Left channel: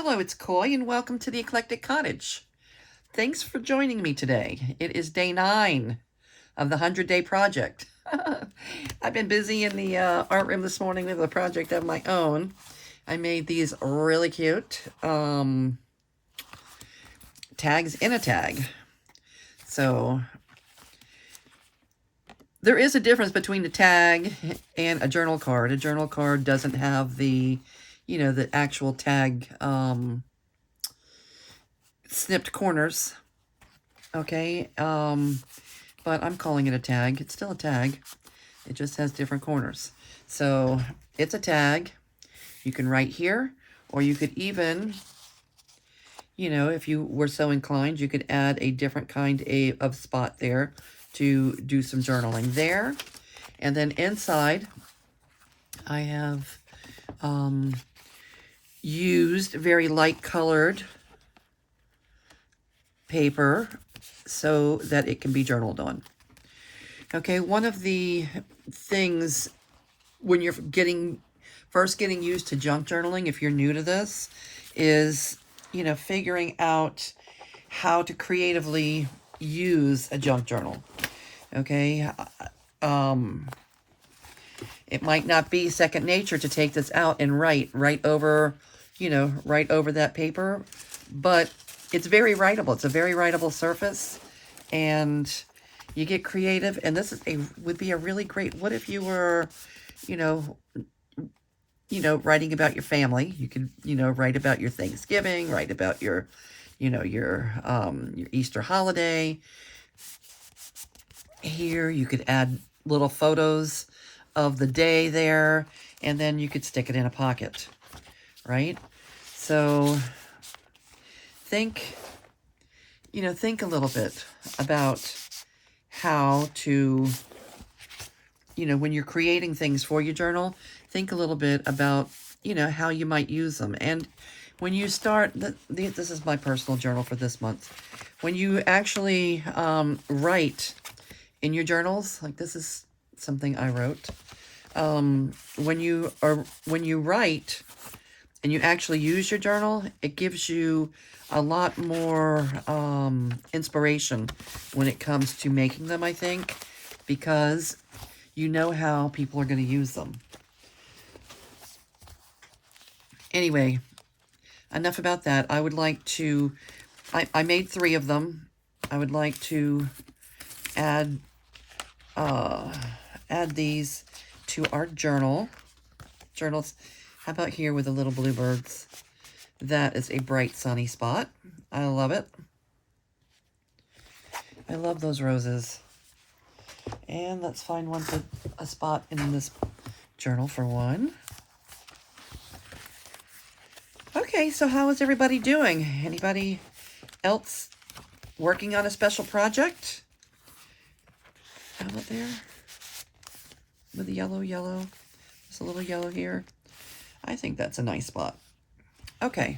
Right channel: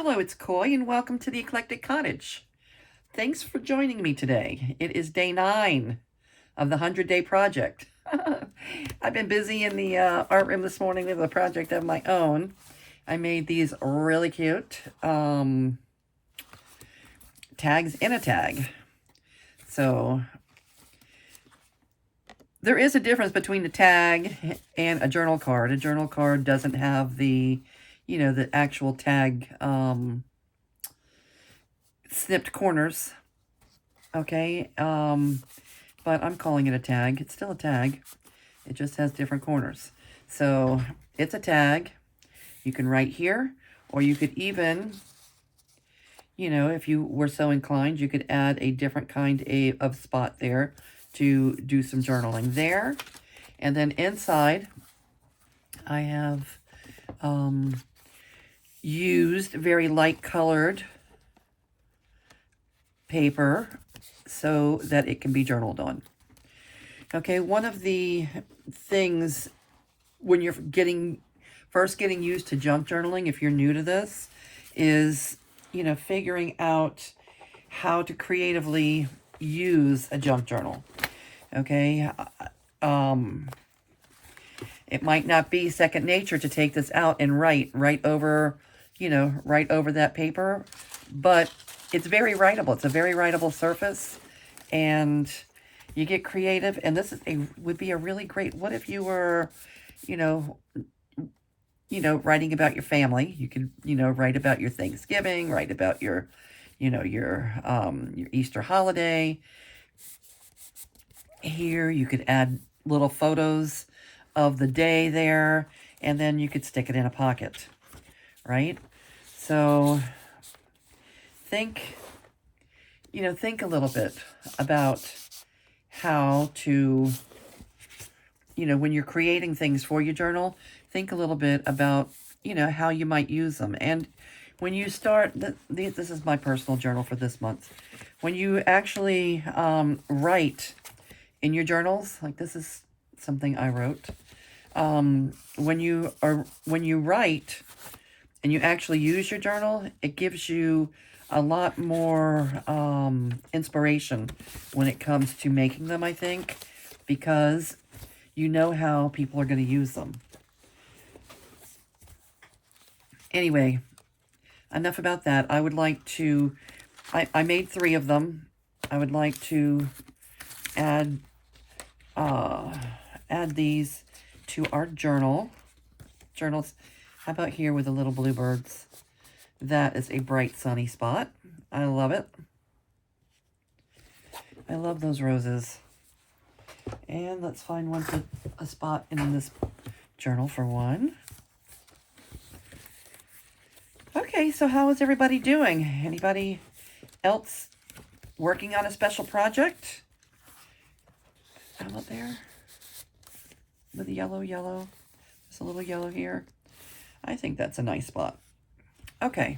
Hello, it's Coy, and welcome to the Eclectic Cottage. Thanks for joining me today. It is day 9 of the 100-day project. I've been busy in the art room this morning with a project of my own. I made these really cute tags in a tag. So there is a difference between the tag and a journal card. A journal card doesn't have the the actual tag snipped corners, okay? But I'm calling it a tag. It's still a tag. It just has different corners. So it's a tag. You can write here, or you could even, if you were so inclined, you could add a different kind of spot there to do some journaling there. And then inside, I have used very light colored paper so that it can be journaled on. Okay, one of the things when you're first getting used to junk journaling, if you're new to this, is, figuring out how to creatively use a junk journal. Okay, it might not be second nature to take this out and write right over that paper, but it's very writable. It's a very writable surface, and you get creative. And this would be a really great, what if you were, writing about your family. You could, write about your Thanksgiving, write about your Easter holiday. Here, you could add little photos of the day there, and then you could stick it in a pocket, right? So think a little bit about how to, when you're creating things for your journal, think a little bit about, how you might use them. And when you start, this is my personal journal for this month. When you actually write in your journals, like this is something I wrote. When you write and you actually use your journal, it gives you a lot more inspiration when it comes to making them, I think, because you know how people are going to use them. Anyway, enough about that. I would like to, I made 3 of them. I would like to add these to our journals. How about here with the little bluebirds? That is a bright sunny spot. I love it. I love those roses. And let's find a spot in this journal for one. Okay, so how is everybody doing? Anybody else working on a special project? How about there? With the yellow. There's a little yellow here. I think that's a nice spot. Okay.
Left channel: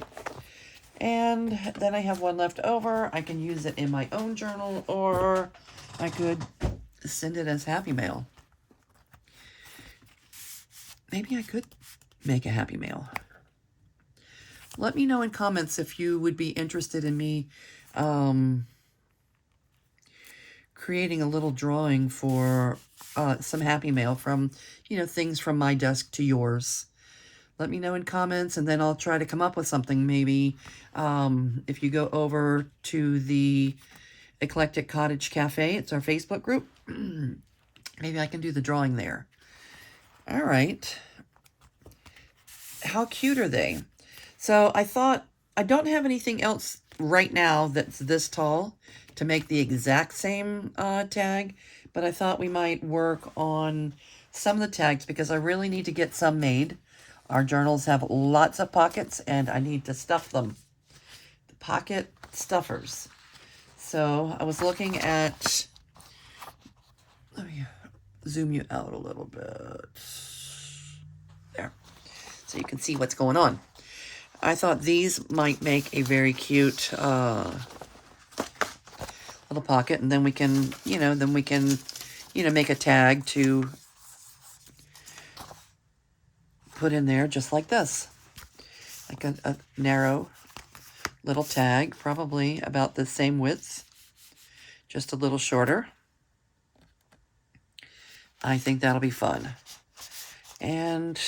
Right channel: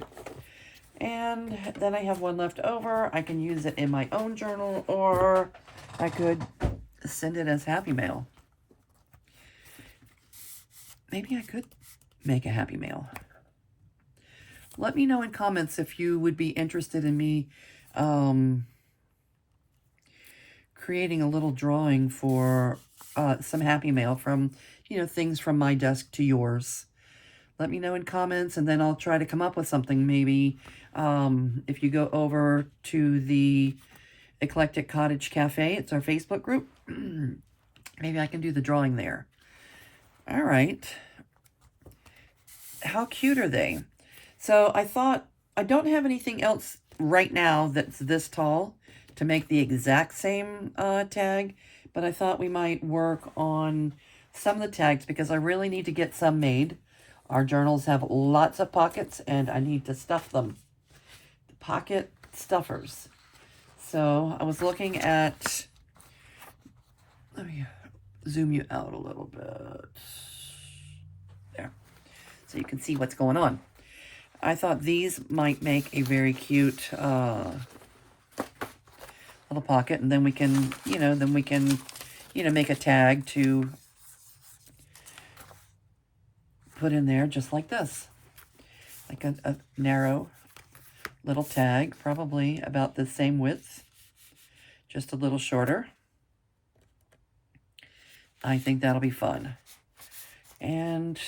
And then I have one left over. I can use it in my own journal, or I could send it as happy mail. Maybe I could make a happy mail. Let me know in comments if you would be interested in me creating a little drawing for some happy mail from, things from my desk to yours. Let me know in comments, and then I'll try to come up with something. Maybe if you go over to the Eclectic Cottage Cafe, it's our Facebook group, maybe I can do the drawing there. All right. How cute are they? So I thought, I don't have anything else right now that's this tall to make the exact same tag, but I thought we might work on some of the tags because I really need to get some made. Our journals have lots of pockets, and I need to stuff them. The pocket stuffers. So I was looking at, let me zoom you out a little bit. There. So you can see what's going on. I thought these might make a very cute little pocket, and then we can, make a tag to put in there just like this. like a narrow little tag, probably about the same width, just a little shorter. I think that'll be fun. And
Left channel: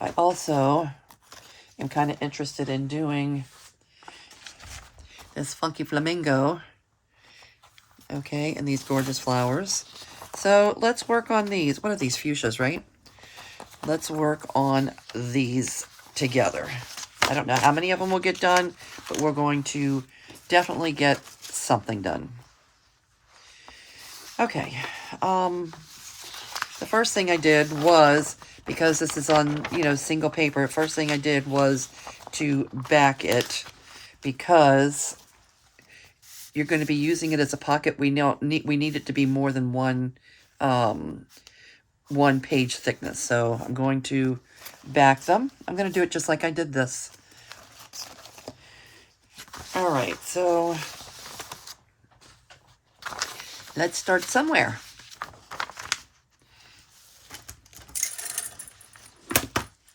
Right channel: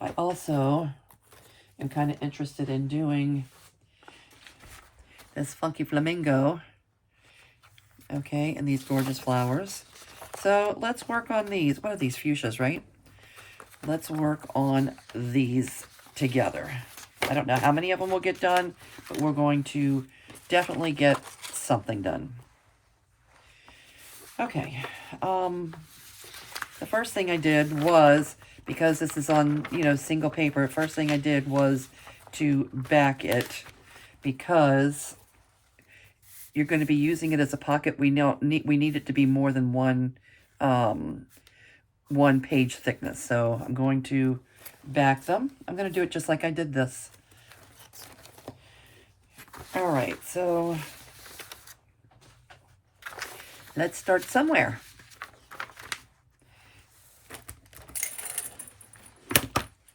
I also am kind of interested in doing this funky flamingo, okay, and these gorgeous flowers. So let's work on these. What are these? Fuchsias, right? Let's work on these together. I don't know how many of them will get done, but we're going to definitely get something done. Okay. The first thing I did was, because this is on, you know, single paper, first thing I did was to back it, because you're going to be using it as a pocket. We need it to be more than one page thickness. So I'm going to back them. I'm going to do it just like I did this. All right, so let's start somewhere.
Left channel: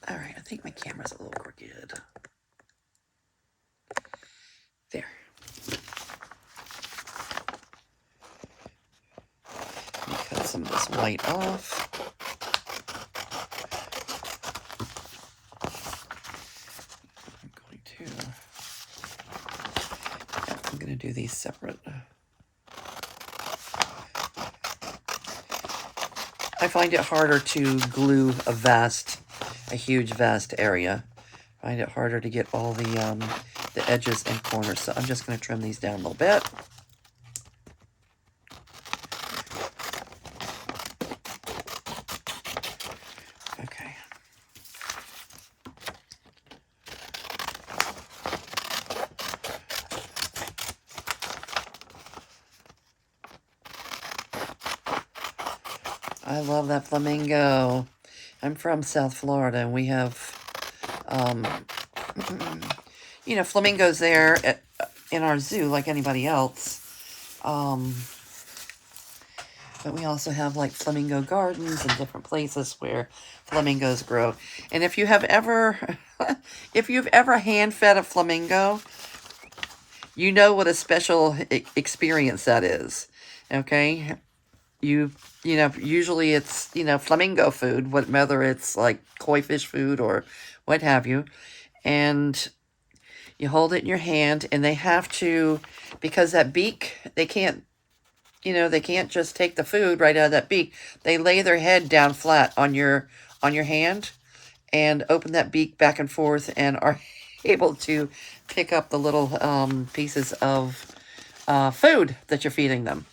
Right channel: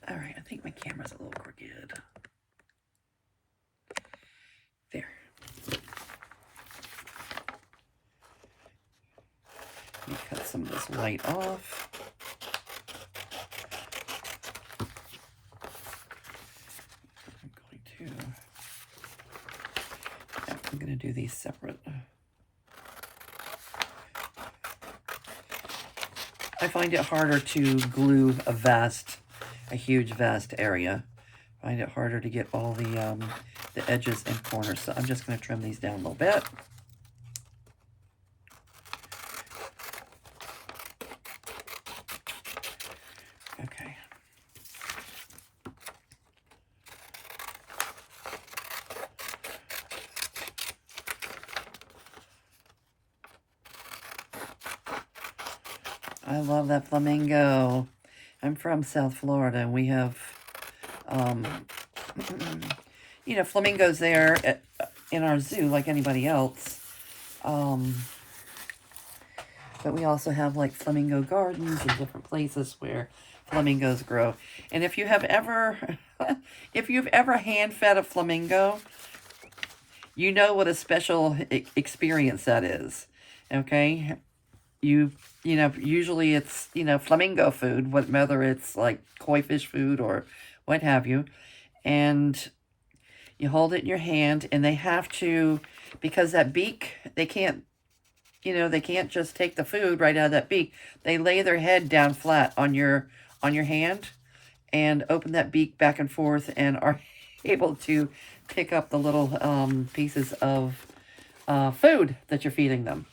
All right, I think my camera's a little crooked. There. Let me cut some of this white off. I'm going to do these separate. I find it harder to glue a huge vast area. I find it harder to get all the edges and corners. So I'm just going to trim these down a little bit. Okay. I love that flamingo. I'm from South Florida, and we have, you know, flamingos there in our zoo like anybody else. But we also have like flamingo gardens and different places where flamingos grow. And if you have ever, if you've ever hand-fed a flamingo, you know what a special experience that is. Okay? You know, usually it's, you know, flamingo food, whether it's like koi fish food or what have you. And you hold it in your hand, and they have to, because that beak, they can't, you know, they can't just take the food right out of that beak. They lay their head down flat on your hand and open that beak back and forth and are able to pick up the little pieces of food that you're feeding them.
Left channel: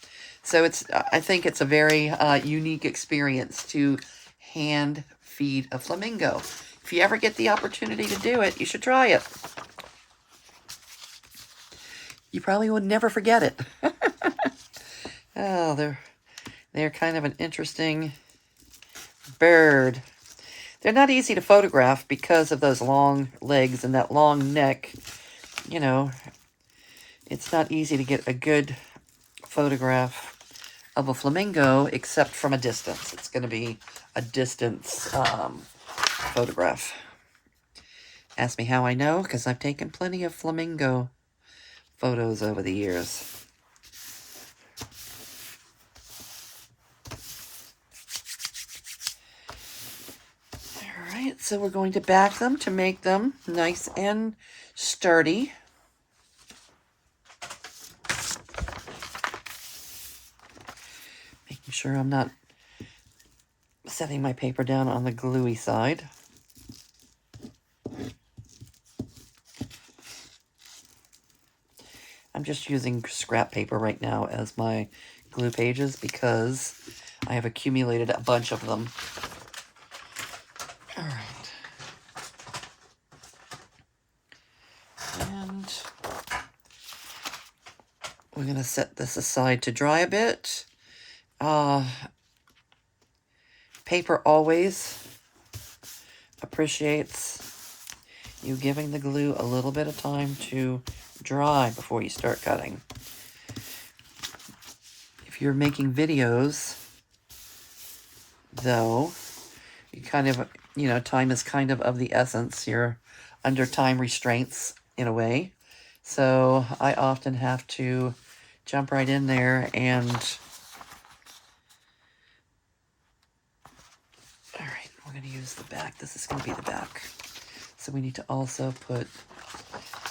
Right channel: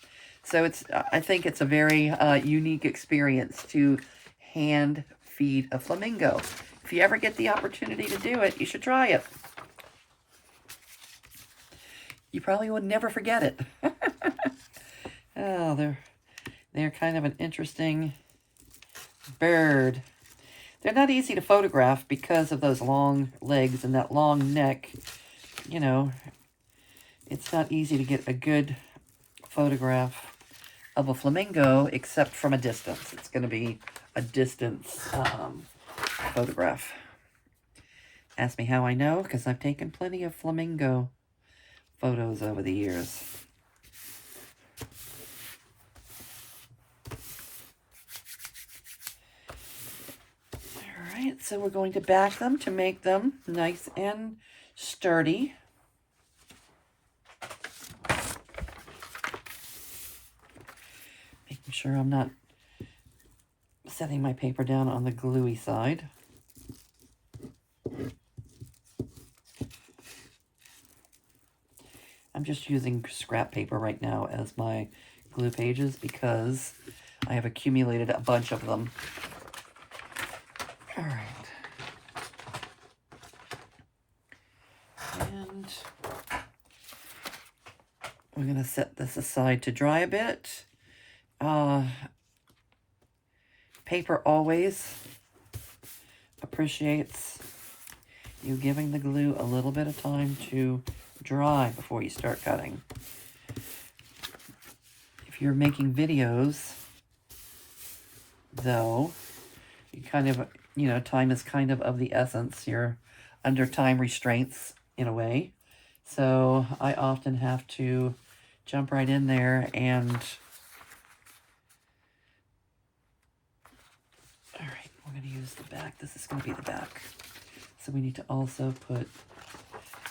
So I think it's a very unique experience to hand feed a flamingo. If you ever get the opportunity to do it, you should try it. You probably would never forget it. Oh, they're kind of an interesting bird. They're not easy to photograph because of those long legs and that long neck. You know, it's not easy to get a good photograph of a flamingo except from a distance. It's going to be a distance photograph. Ask me how I know, because I've taken plenty of flamingo photos over the years. Alright, so we're going to back them to make them nice and sturdy. Making sure I'm not setting my paper down on the gluey side. I'm just using scrap paper right now as my glue pages because I have accumulated a bunch of them. All right. And we're going to set this aside to dry a bit. Paper always appreciates you giving the glue a little bit of time to dry before you start cutting. If you're making videos, though, you kind of, you know, time is kind of the essence. You're under time restraints in a way. So I often have to jump right in there and, all right, we're going to use the back. This is going to be the back. So we need to also put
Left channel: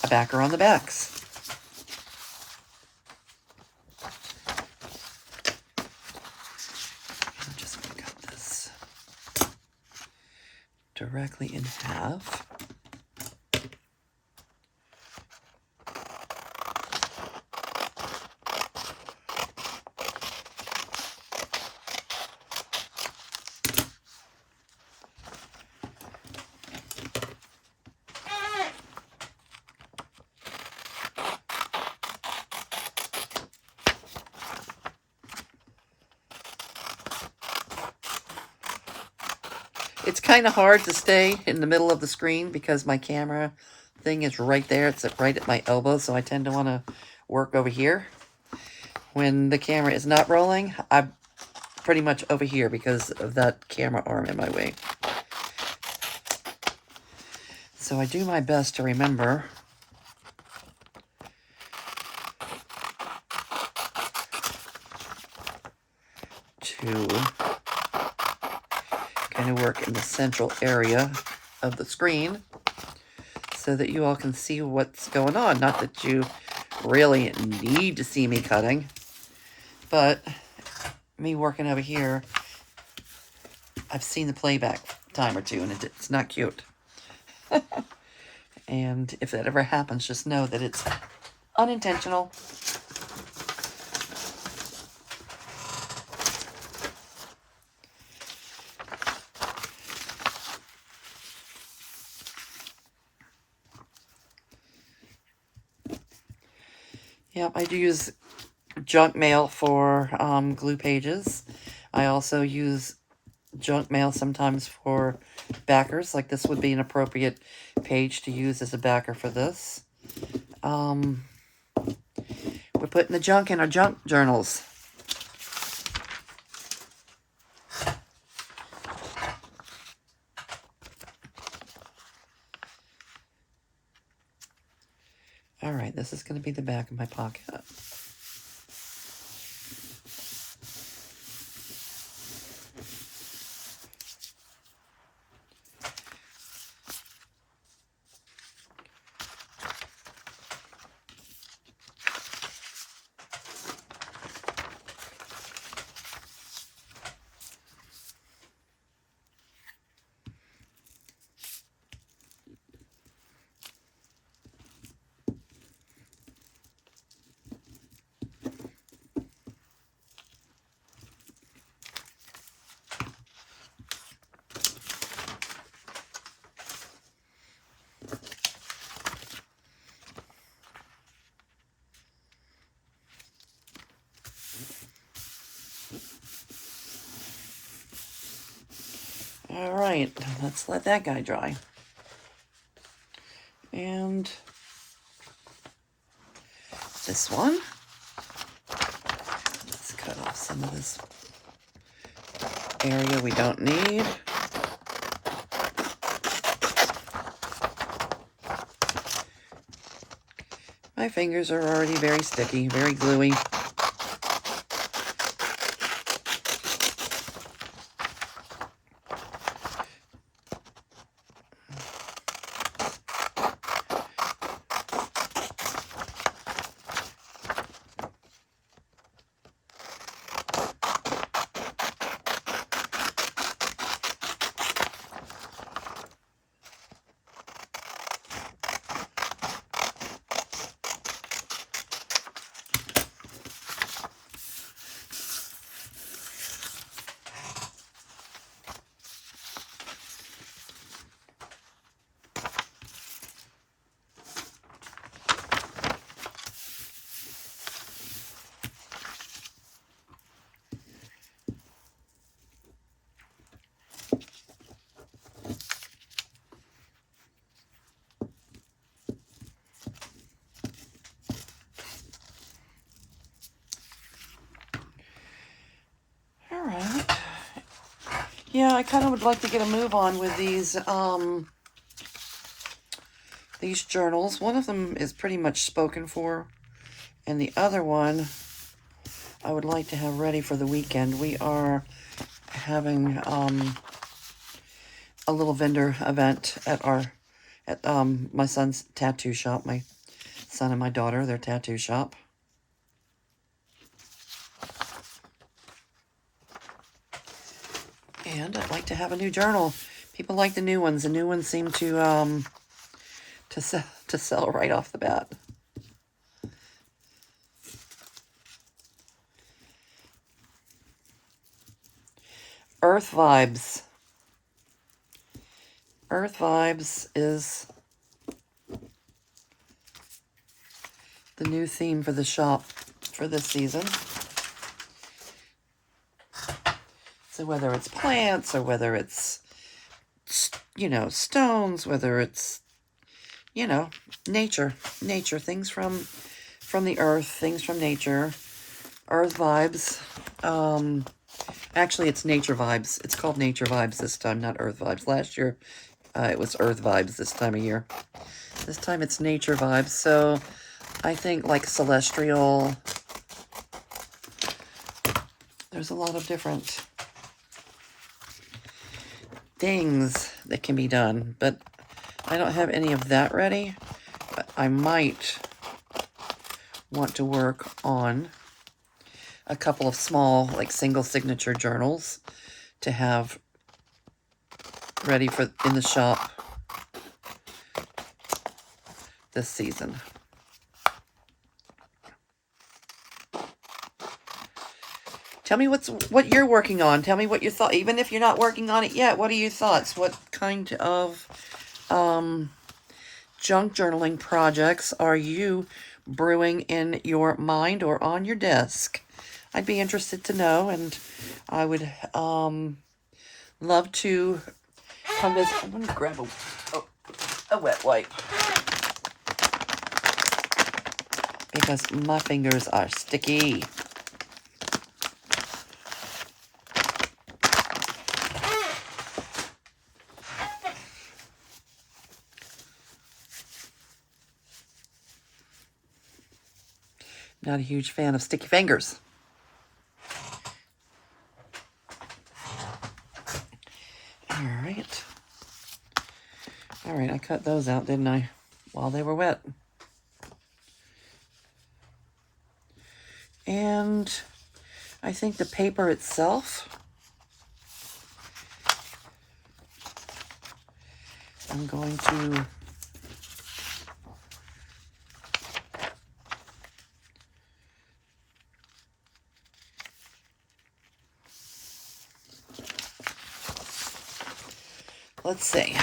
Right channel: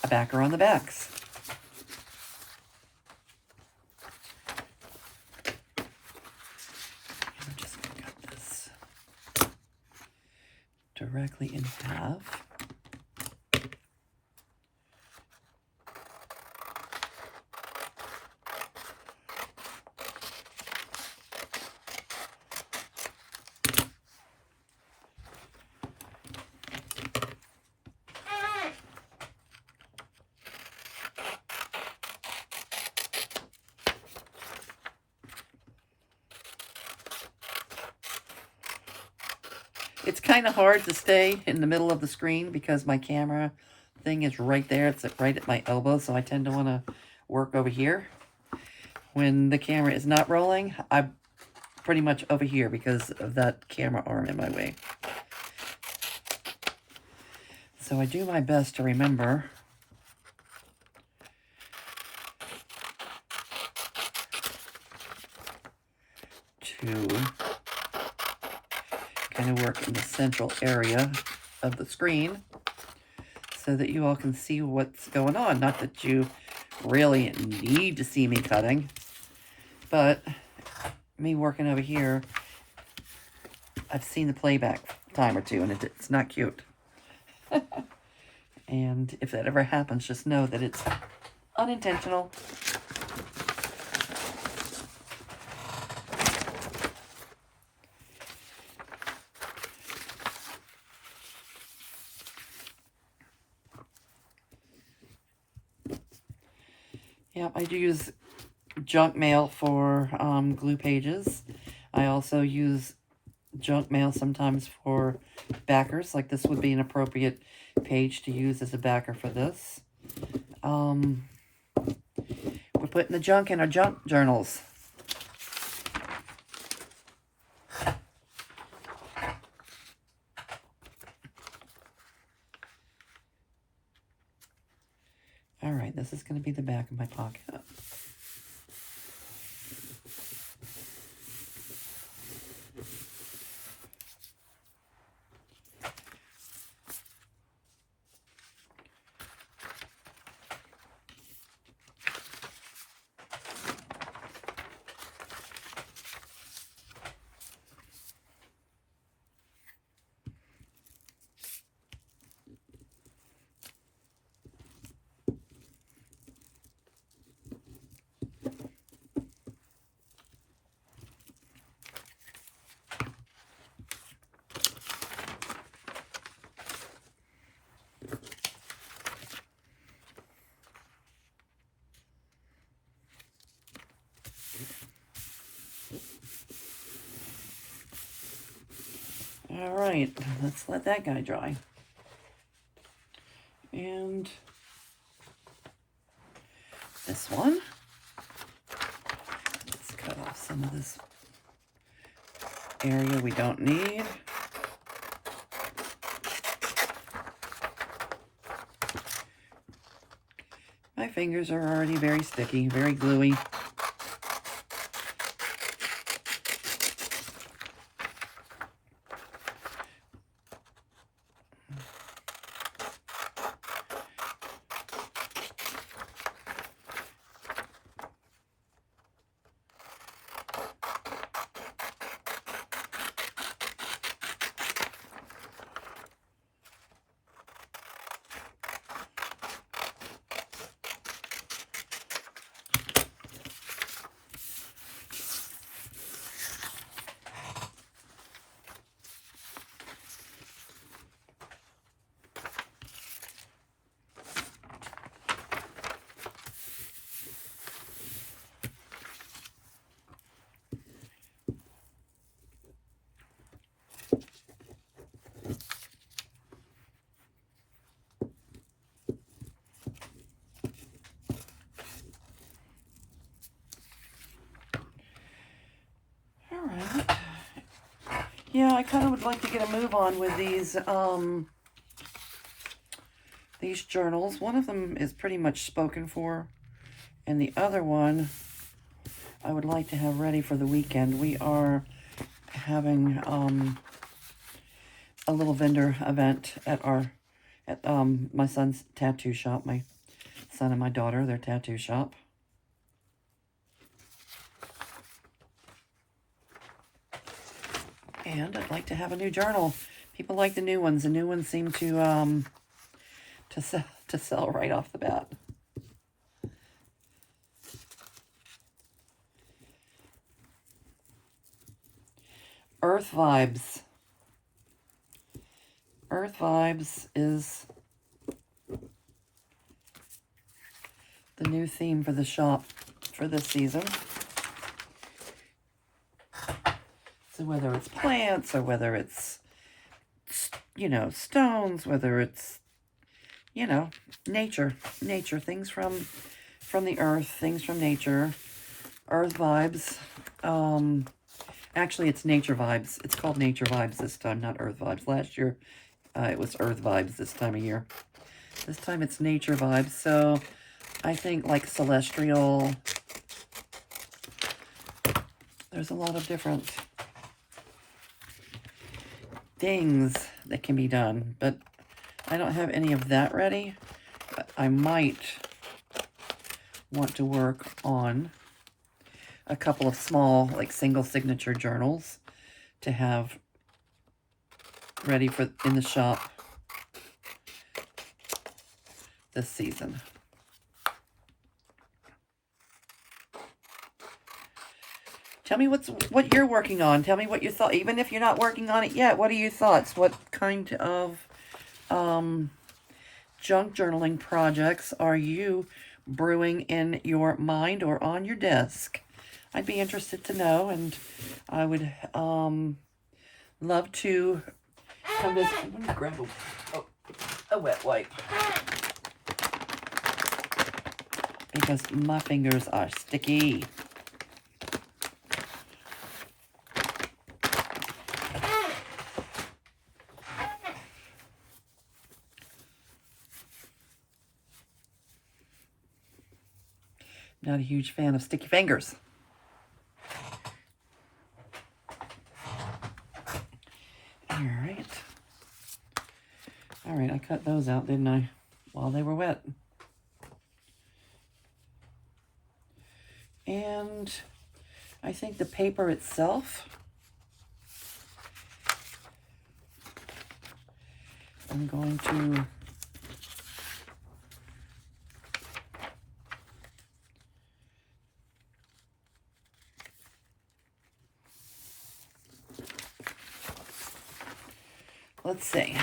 a backer on the backs. I'm just going to cut this directly in half. It's kind of hard to stay in the middle of the screen because my camera thing is right there. It's right at my elbow, so I tend to want to work over here. When the camera is not rolling, I'm pretty much over here because of that camera arm in my way. So I do my best to remember to kind of work in the central area of the screen so that you all can see what's going on. Not that you really need to see me cutting, but me working over here, I've seen the playback time or two, and it's not cute. And if that ever happens, just know that it's unintentional. Yep, I do use junk mail for glue pages. I also use junk mail sometimes for backers. Like this would be an appropriate page to use as a backer for this. We're putting the junk in our junk journals. All right, this is going to be the back of my pocket. All right, let's let that guy dry. And this one. Let's cut off some of this area we don't need. My fingers are already very sticky, very gluey. Yeah, I kind of would like to get a move on with these these journals. One of them is pretty much spoken for, and the other one I would like to have ready for the weekend. We are having a little vendor event at my son's tattoo shop. My son and my daughter, their tattoo shop. And I'd like to have a new journal. People like the new ones. The new ones seem to sell right off the bat. Earth Vibes. Earth Vibes is the new theme for the shop for this season. So whether it's plants or whether it's, you know, stones, whether it's, you know, nature, things from the earth, things from nature, Earth Vibes. Actually, it's Nature Vibes. It's called Nature Vibes this time, not Earth Vibes. Last year, it was Earth Vibes this time of year. This time it's Nature Vibes. So I think like celestial, there's a lot of different things that can be done, but I don't have any of that ready. But I might want to work on a couple of small, like single signature journals to have ready for in the shop this season. Tell me what you're working on. Tell me what you thought. Even if you're not working on it yet, what are your thoughts? What kind of junk journaling projects are you brewing in your mind or on your desk? I'd be interested to know, and I would love to come visit. I'm going to grab a wet wipe because my fingers are sticky. Not a huge fan of sticky fingers. All right, I cut those out, didn't I? While they were wet. And I think the paper itself, I'm going to let's see.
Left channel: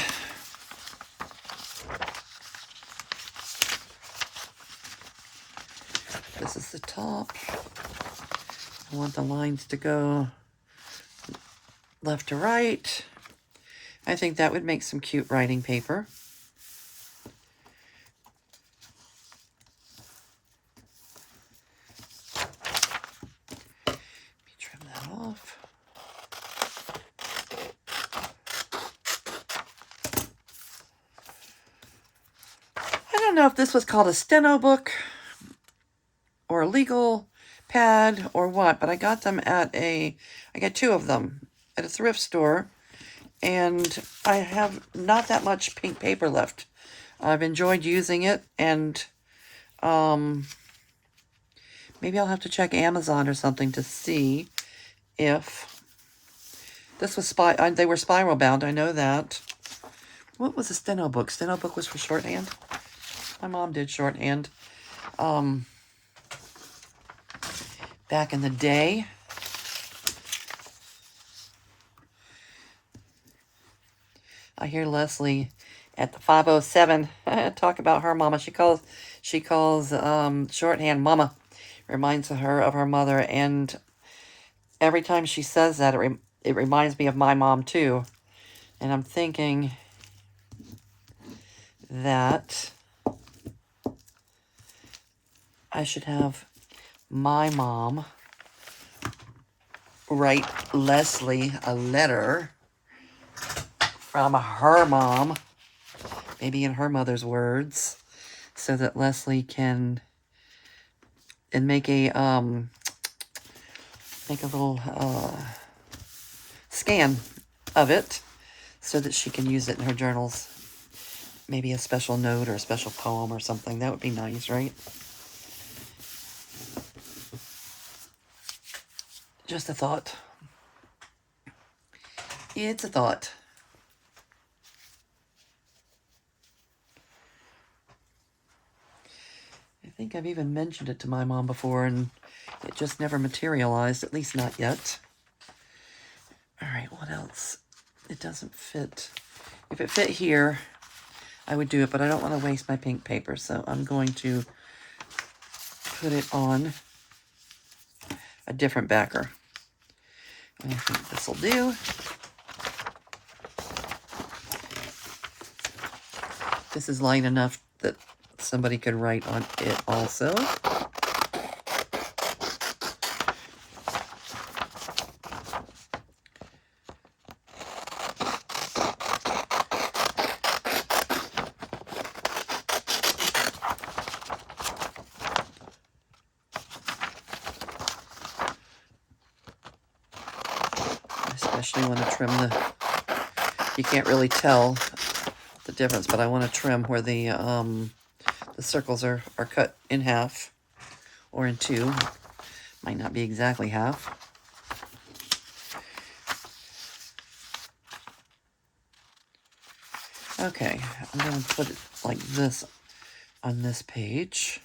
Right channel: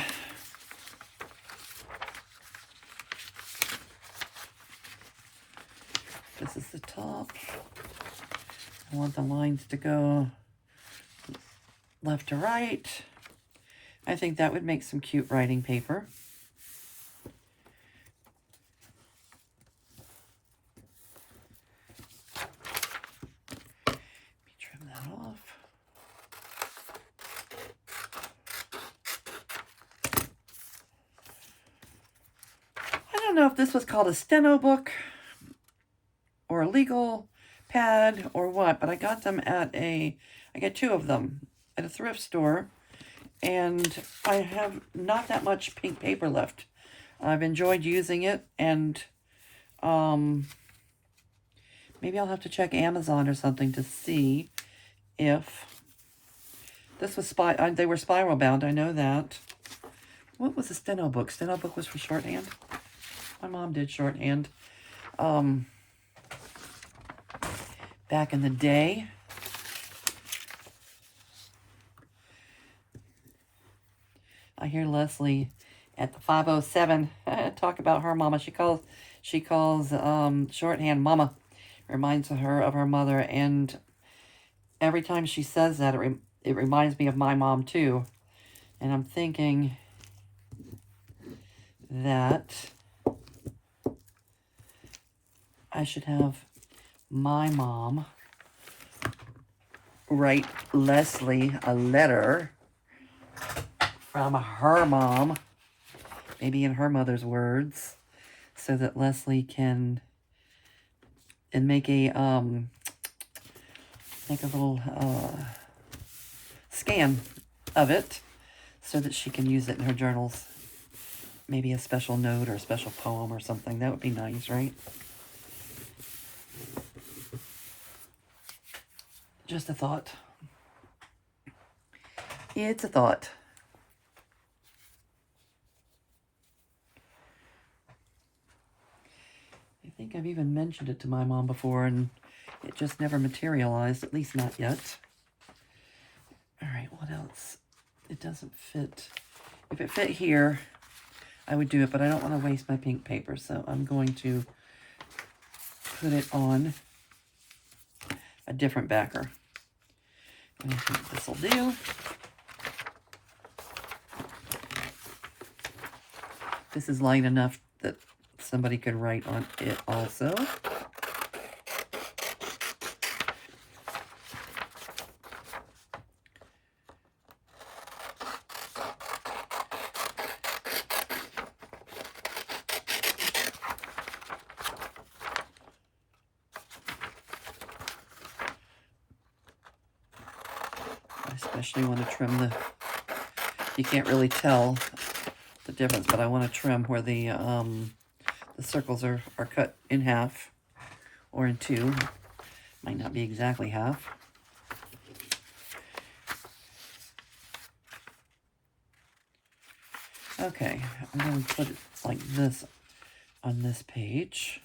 This is the top. I want the lines to go left to right. I think that would make some cute writing paper. Trim that off. I don't know if this was called a steno book or a legal pad or what, but I got them I got two of them at a thrift store, and I have not that much pink paper left. I've enjoyed using it, and maybe I'll have to check Amazon or something to see if this was they were spiral bound. I know that. What was a steno book? Steno book was for shorthand. My mom did shorthand. Back in the day. I hear Leslie at the 507 talk about her mama. She calls shorthand mama. Reminds her of her mother, and every time she says that, it reminds me of my mom too. And I'm thinking that I should have my mom write Leslie a letter from her mom maybe in her mother's words, so that Leslie can make a little scan of it so that she can use it in her journals. Maybe a special note or a special poem or something. That would be nice, right? Just a thought. It's a thought. I think I've even mentioned it to my mom before, and it just never materialized, at least not yet. All right, what else? It doesn't fit. If it fit here, I would do it, but I don't want to waste my pink paper, so I'm going to put it on a different backer. I think this will do. This is light enough that somebody could write on it also. Especially want to trim the, you can't really tell the difference, but I want to trim where the circles are cut in half or in two. Might not be exactly half. Okay, I'm going to put it like this on this page.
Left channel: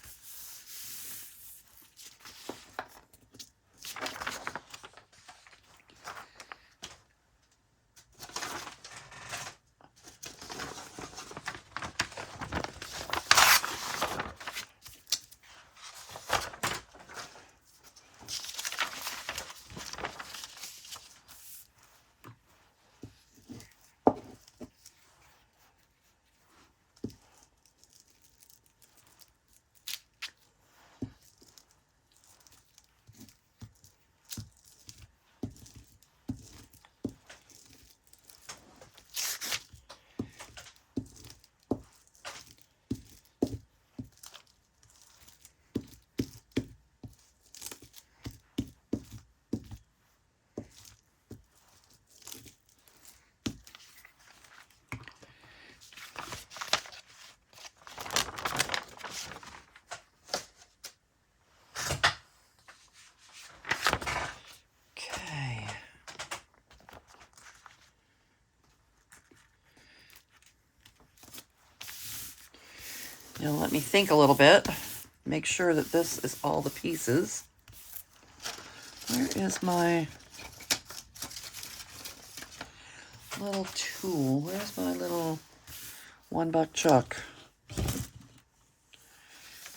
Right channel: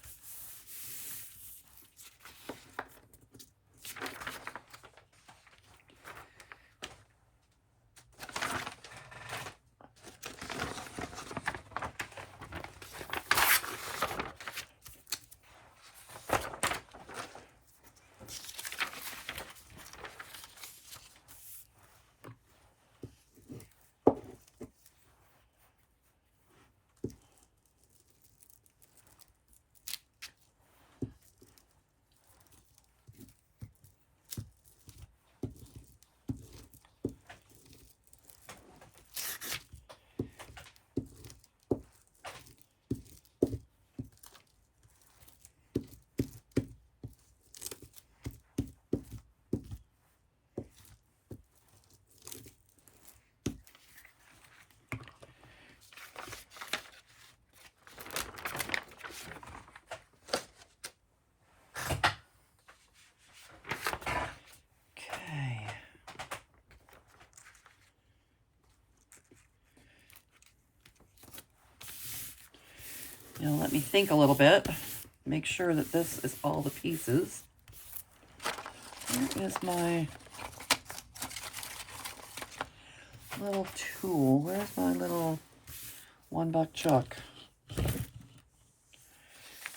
Now let me think a little bit. Make sure that this is all the pieces. Where is my little tool? Where's my little $1 chuck? I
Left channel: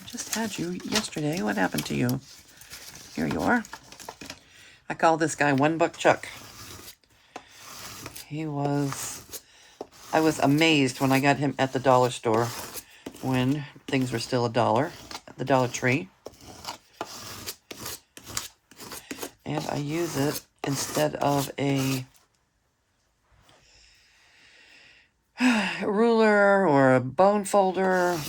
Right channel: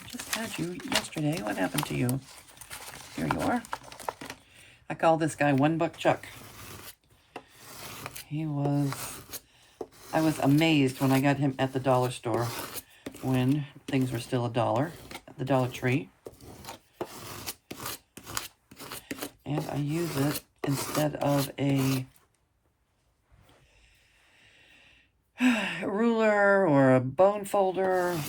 just had you yesterday. What happened to you? Here you are. I call this guy $1 Chuck. I was amazed when I got him at the dollar store when things were still $1 at the Dollar Tree. And I use it instead of a ruler or a bone folder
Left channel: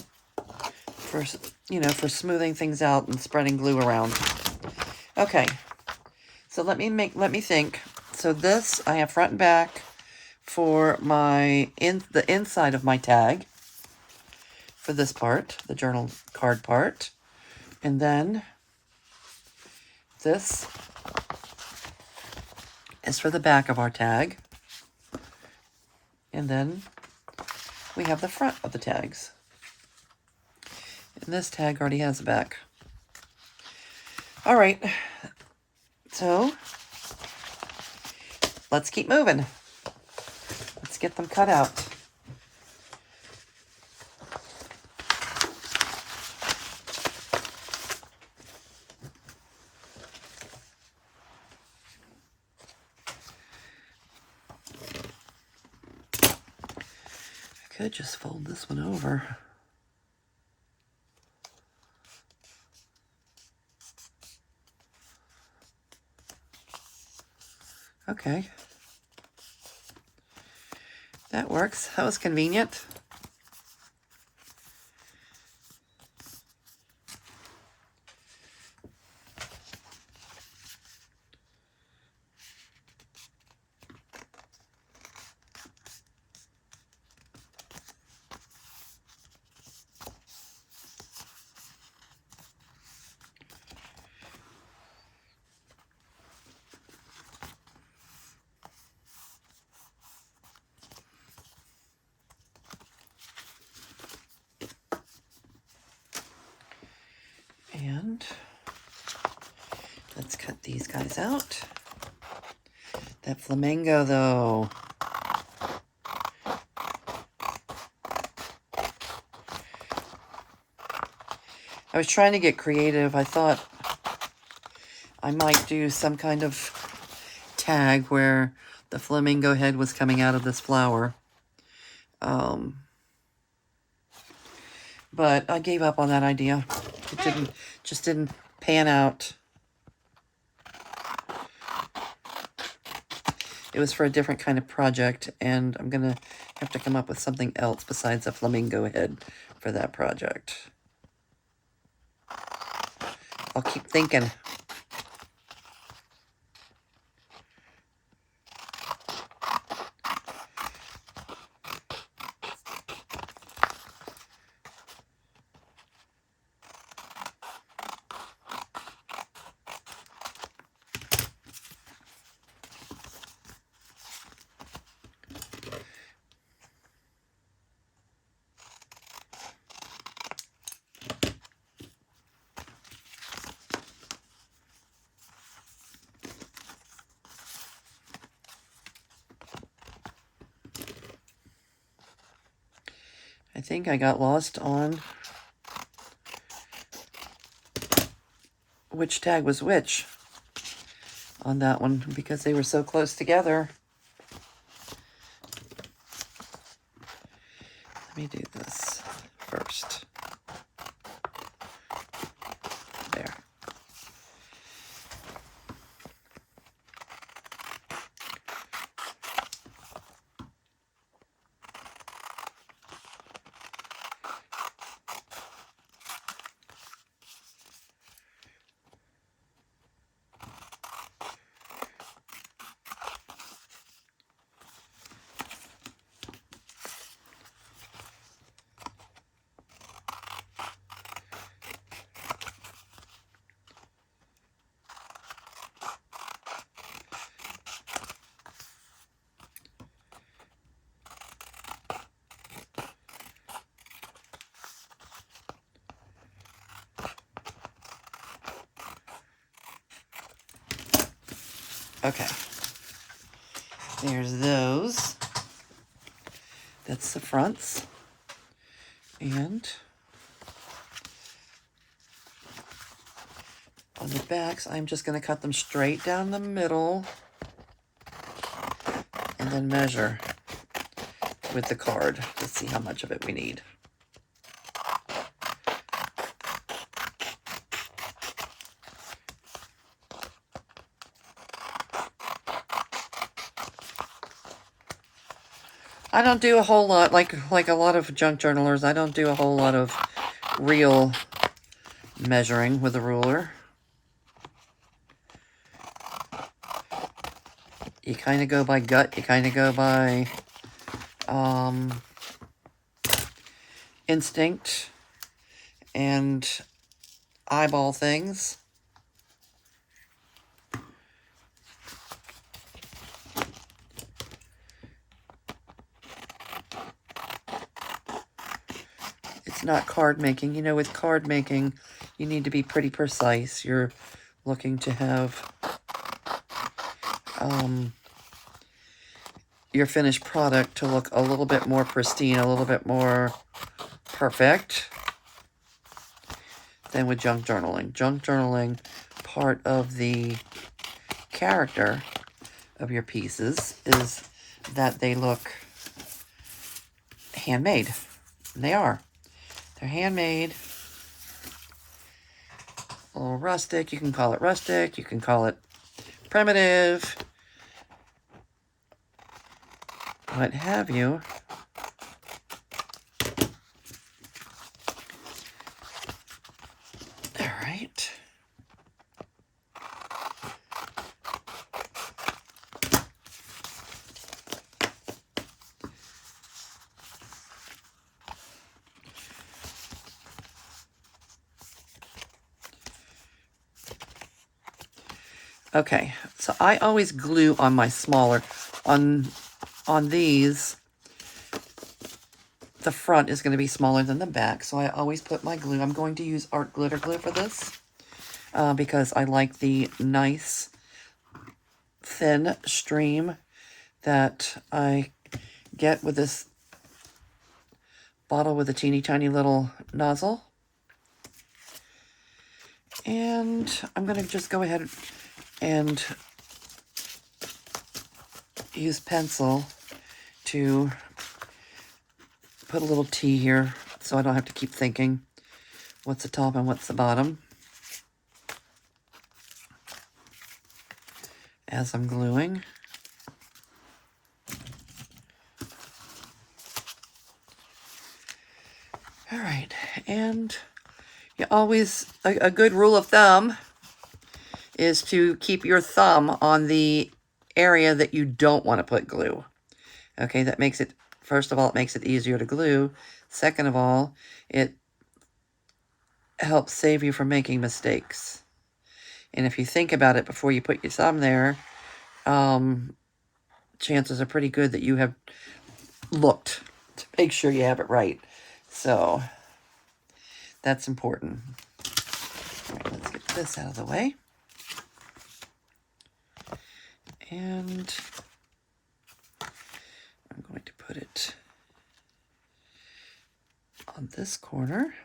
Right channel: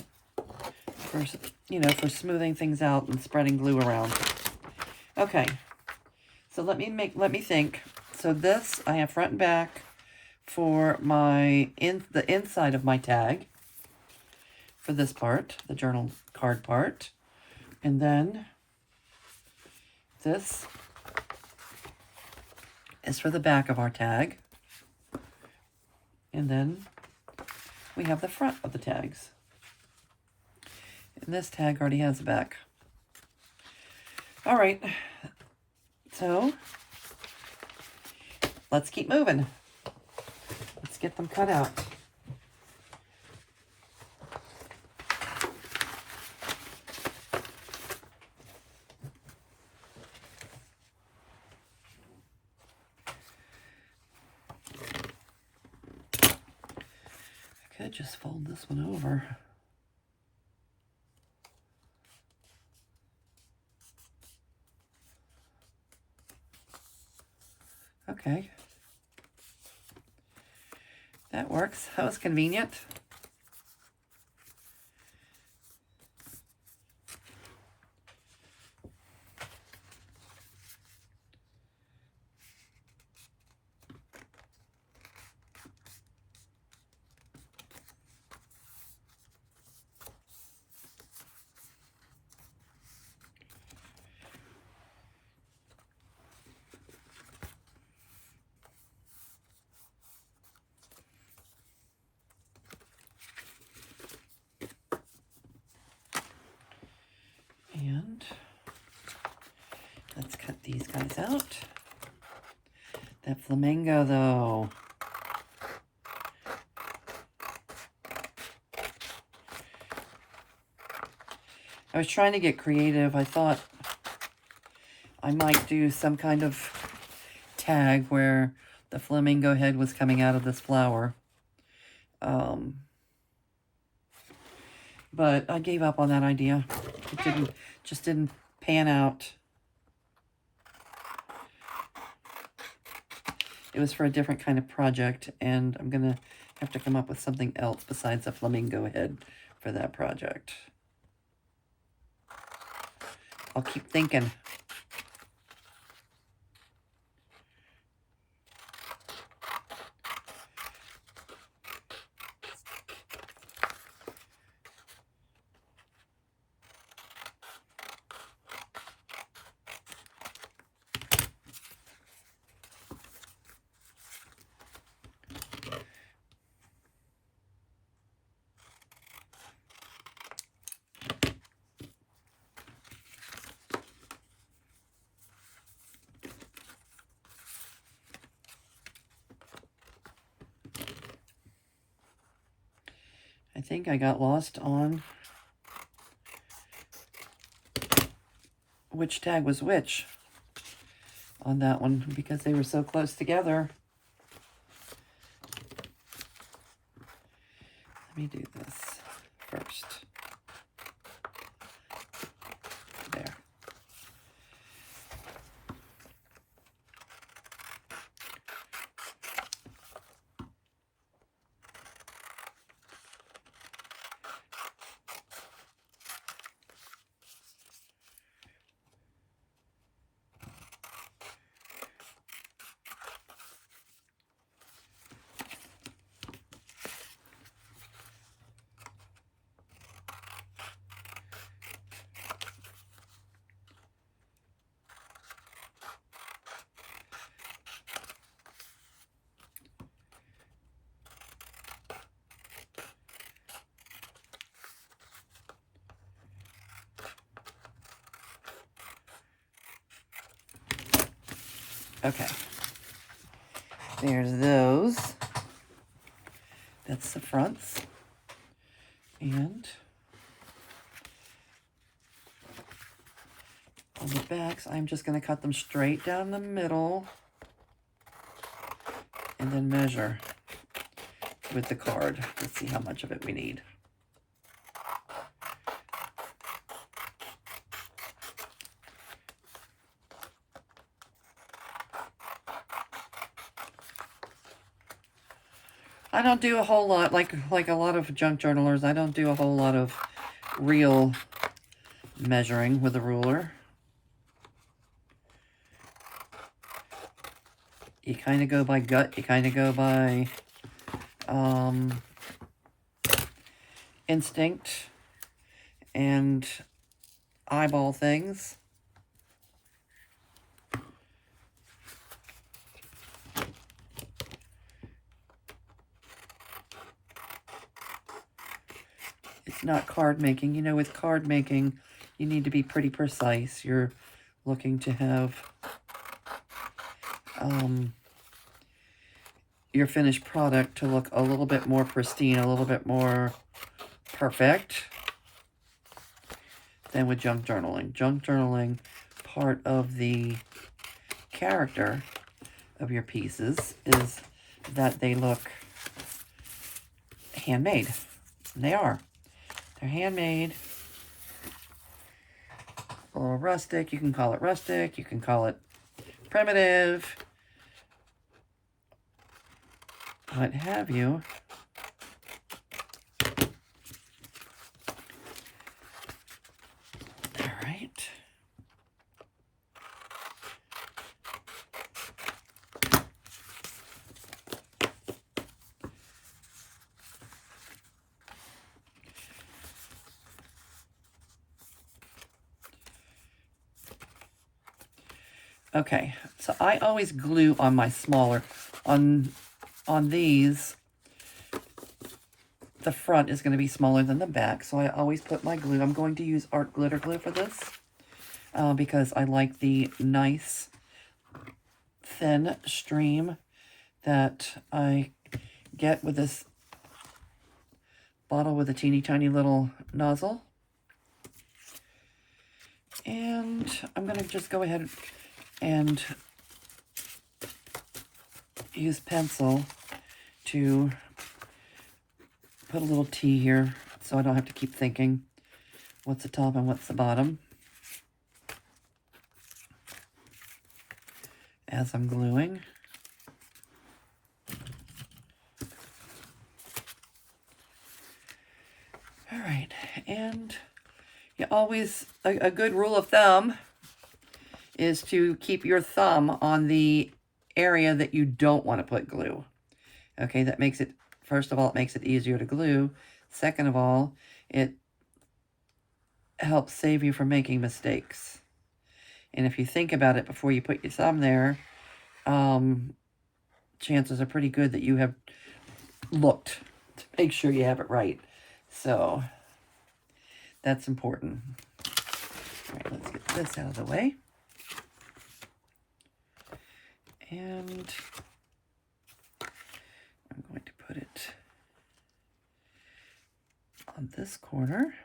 for, for smoothing things out and spreading glue around. Okay, so let me think. So this, I have front and back for the inside of my tag for this part, the journal card part. And then this is for the back of our tag. And then we have the front of the tags. And this tag already has a back. All right, so let's keep moving. Let's get them cut out. I could just fold this one over. Okay. That works. That was convenient. guys out. That flamingo, though. I was trying to get creative. I thought I might do some kind of tag where the flamingo head was coming out of this flower. But I gave up on that idea. It just didn't pan out. It was for a different kind of project, and I'm gonna have to come up with something else besides a flamingo head for that project. I'll keep thinking. I think I got lost on which tag was which on that one because they were so close together. Let me do this first. There. Okay. There's those. That's the fronts. And on the backs, I'm just going to cut them straight down the middle and then measure with the card to see how much of it we need. I don't do a whole lot, like a lot of junk journalers, I don't do a whole lot of real measuring with a ruler. You kind of go by gut, you kind of go by instinct and eyeball things. It's not card making. You know, with card making, you need to be pretty precise. You're looking to have your finished product to look a little bit more pristine, a little bit more perfect than with junk journaling. Junk journaling, part of the character of your pieces is that they look handmade. And they are. They're handmade. A little rustic. You can call it rustic. You can call it primitive. What have you. All right. Okay, so I always glue on my smaller, on these, the front is going to be smaller than the back, so I always put my glue. I'm going to use art glitter glue for this because I like the nice thin stream that I get with this bottle with a teeny tiny little nozzle. And I'm going to just go ahead and use pencil to put a little T here so I don't have to keep thinking what's the top and what's the bottom as I'm gluing. All right, and you always, a good rule of thumb is to keep your thumb on the area that you don't want to put glue. Okay, that makes it, first of all, it makes it easier to glue. Second of all, it helps save you from making mistakes. And if you think about it before you put your thumb there, chances are pretty good that you have looked to make sure you have it right. So that's important. All right, let's get this out of the way. And I'm going to put it on this corner.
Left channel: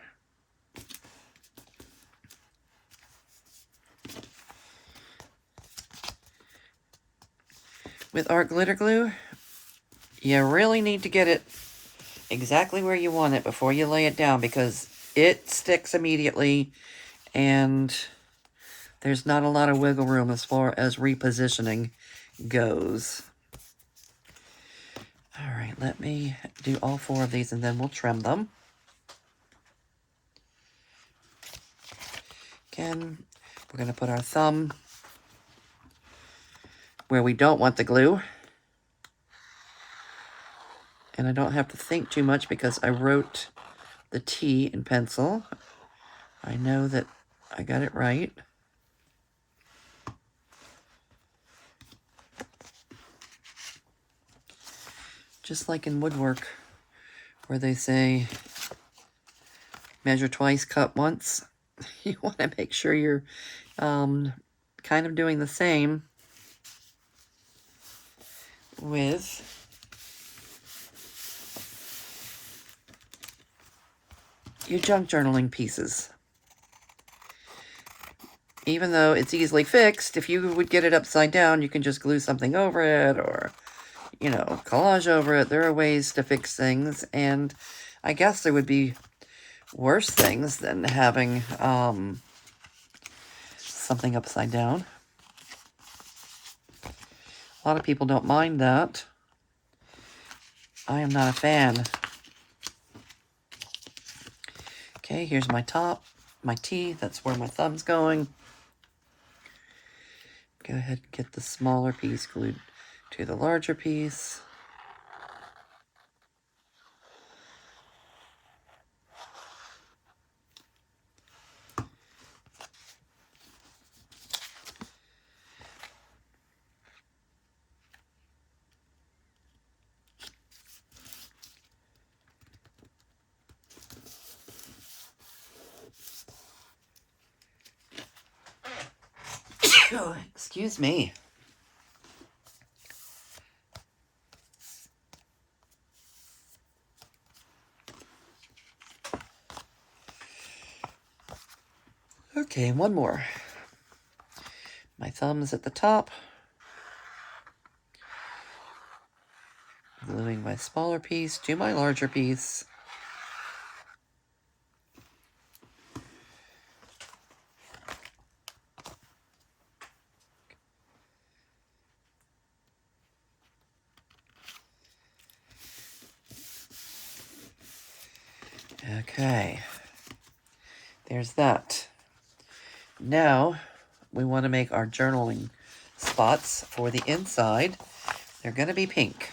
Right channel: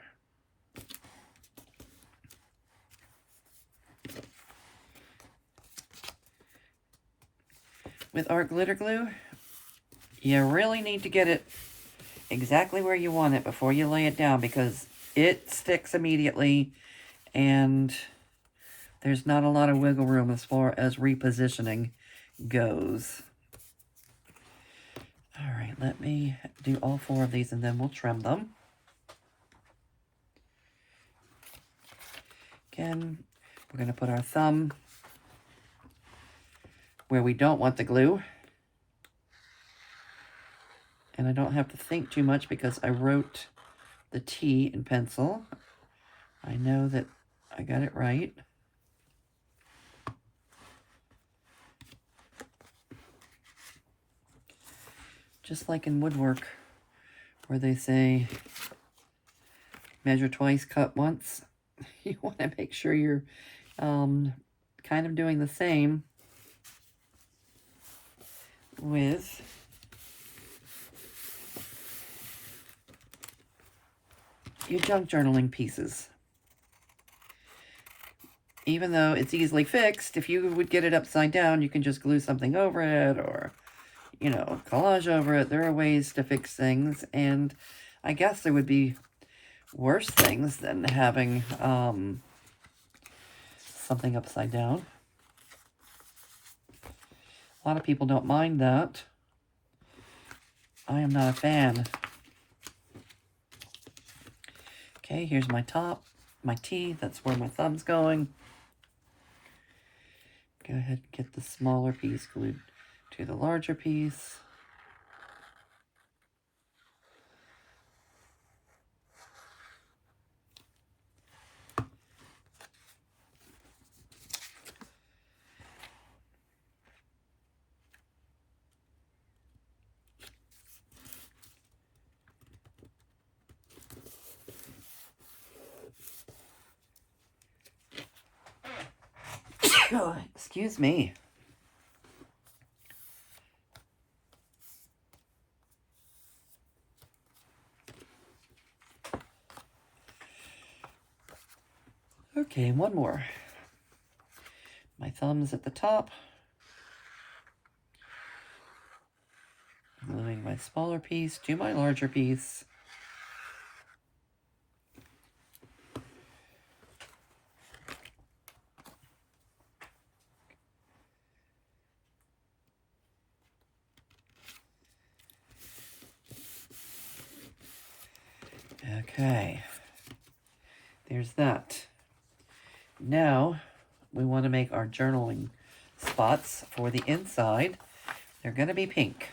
With art glitter glue, you really need to get it exactly where you want it before you lay it down, because it sticks immediately and there's not a lot of wiggle room as far as repositioning goes. All right, let me do all 4 of these and then we'll trim them. Again, we're going to put our thumb where we don't want the glue. And I don't have to think too much because I wrote the T in pencil. I know that I got it right. Just like in woodwork, where they say, measure twice, cut once. You want to make sure you're kind of doing the same with your junk journaling pieces. Even though it's easily fixed, if you would get it upside down, you can just glue something over it or, you know, collage over it. There are ways to fix things, and I guess there would be worse things than having something upside down. A lot of people don't mind that. I am not a fan. Okay, here's my top, my T. That's where my thumb's going. Go ahead and get the smaller piece glued to the larger piece. Oh, excuse me. Okay, one more. My thumb's at the top. Gluing my smaller piece to my larger piece. Okay, there's that. Now, we want to make our journaling spots for the inside. They're going to be pink.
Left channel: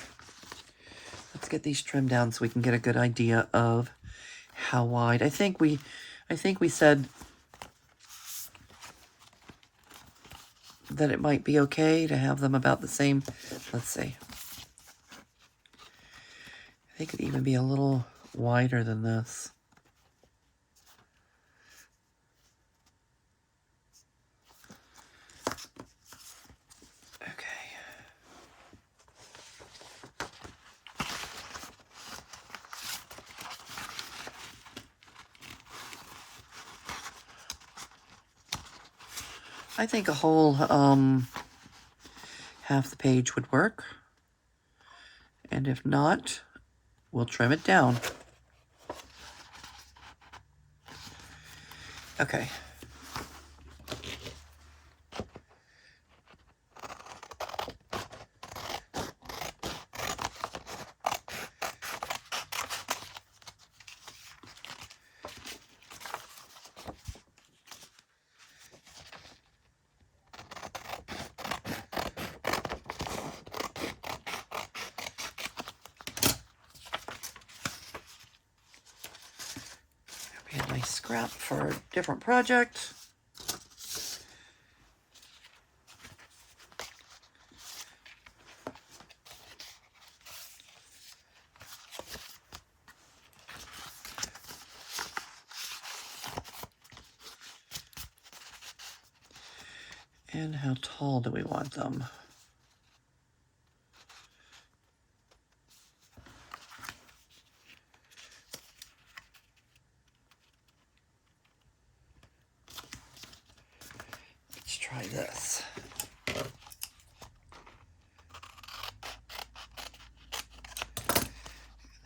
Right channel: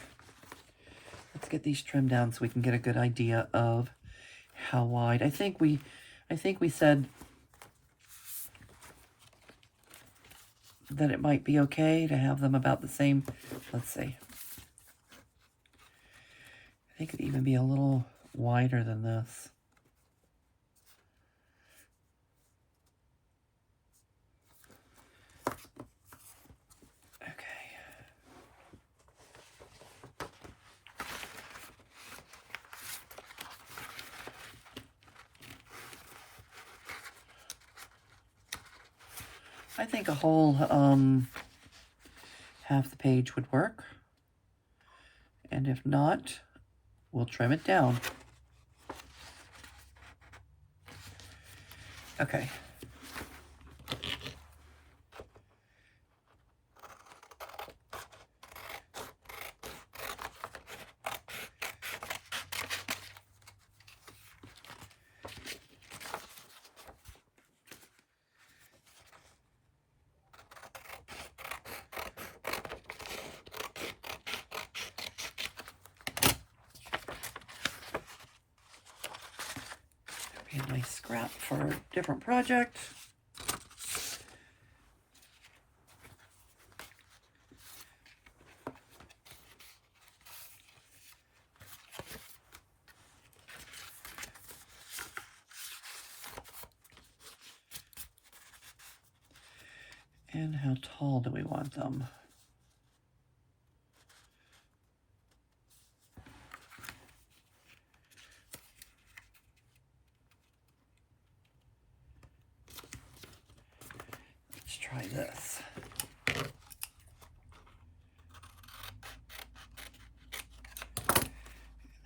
Let's get these trimmed down so we can get a good idea of how wide. I think we said that it might be okay to have them about the same. Let's see. They could even be a little wider than this. Okay. I think a whole half the page would work. And if not, we'll trim it down. Okay. And my scrap for a different project. And how tall do we want them? Let's try this.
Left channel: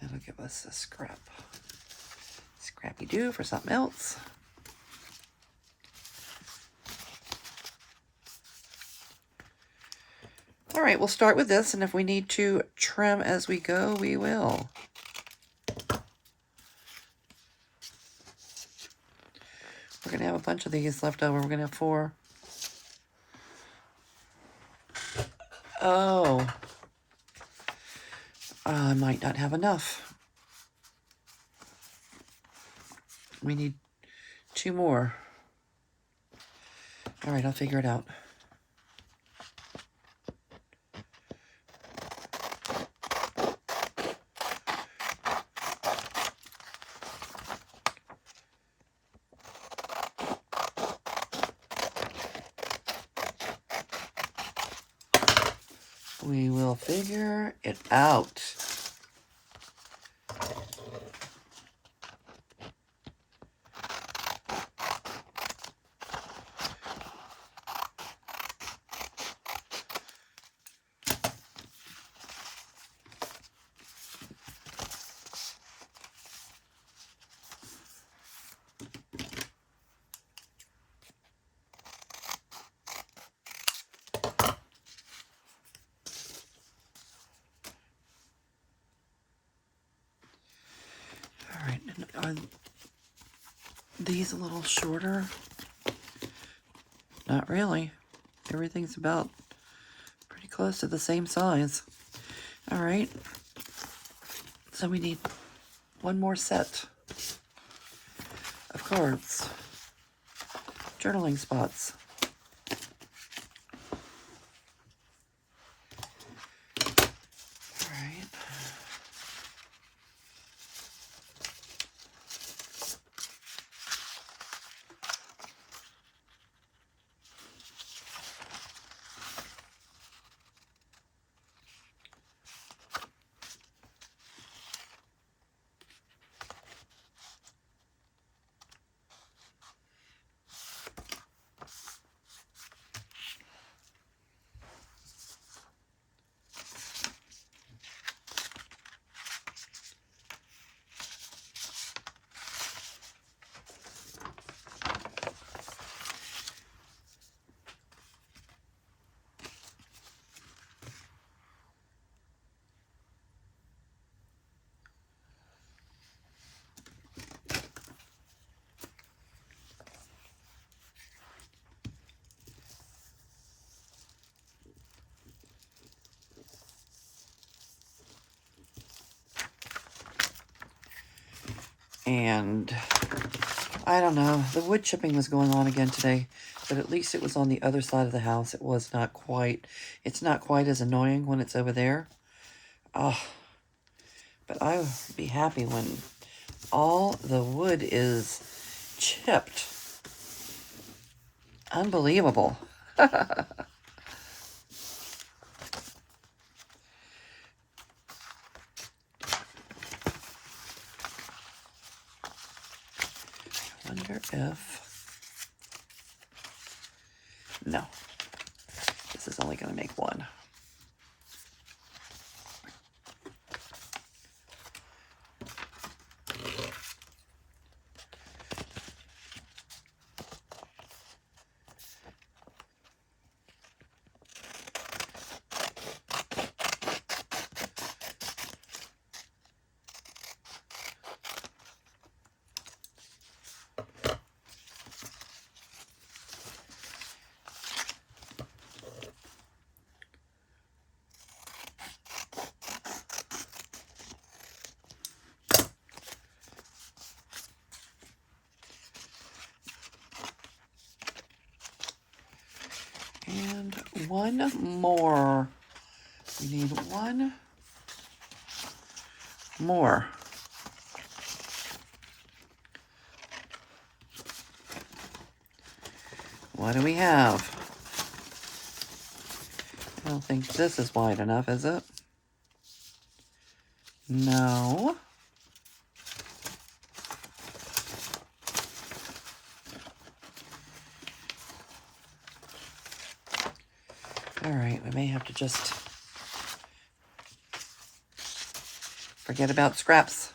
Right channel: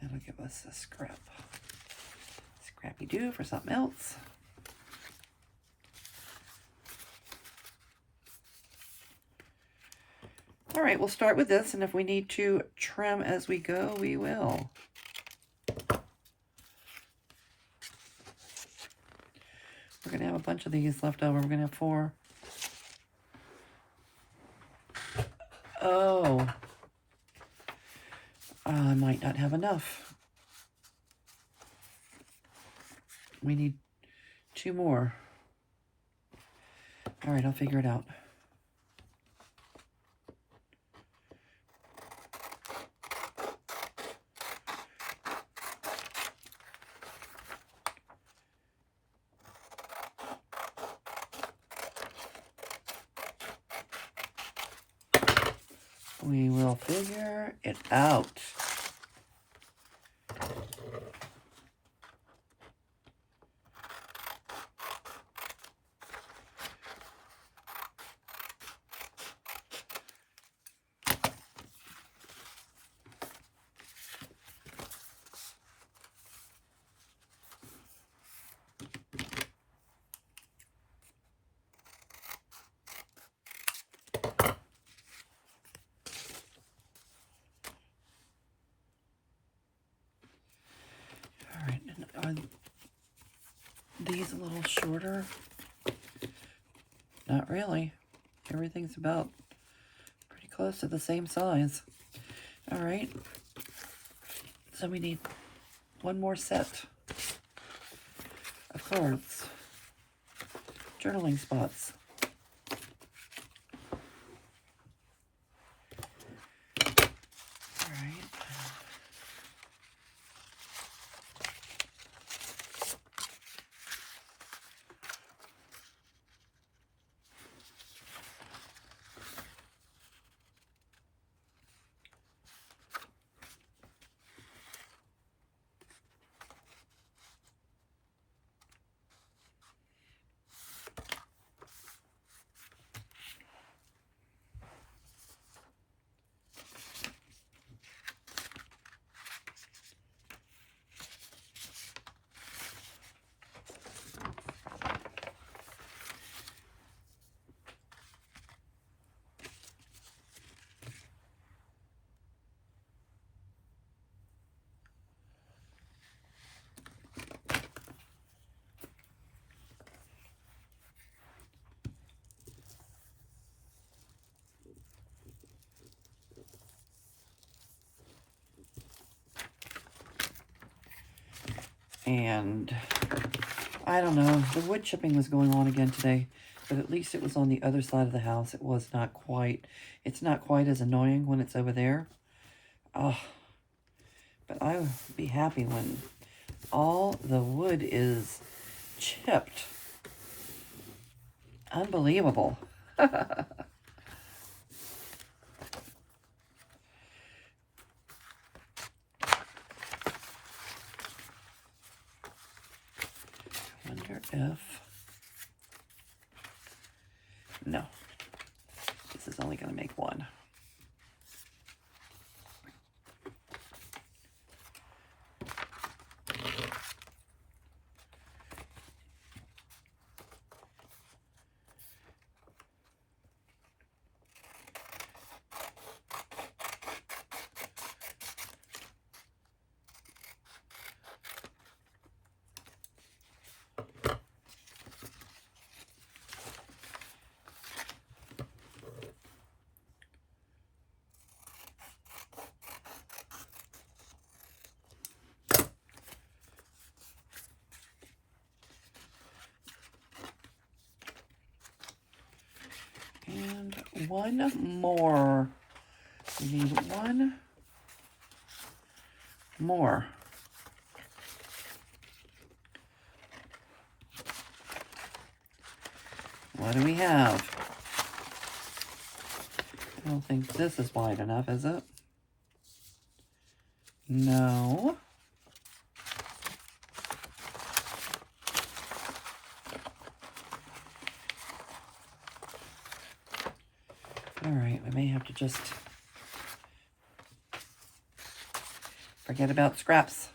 That'll give us a scrappy-doo for something else. All right, we'll start with this, and if we need to trim as we go, we will. We're going to have a bunch of these left over. We're going to have 4. Oh. I might not have enough. We need 2 more. All right, I'll figure it out. We will figure it out. Are these a little shorter? Not really. Everything's about pretty close to the same size. All right. So we need 1 more set of cards. Journaling spots. All right. And I don't know, the wood chipping was going on again today, but at least it was on the other side of the house. It was not quite, it's not quite as annoying when it's over there. Oh, but I would be happy when all the wood is chipped. Unbelievable. wonder if No. This is only going to make one. And one more. We need one more. What do we have? I don't think this is wide enough, is it? No. All right, we may have to just forget about scraps.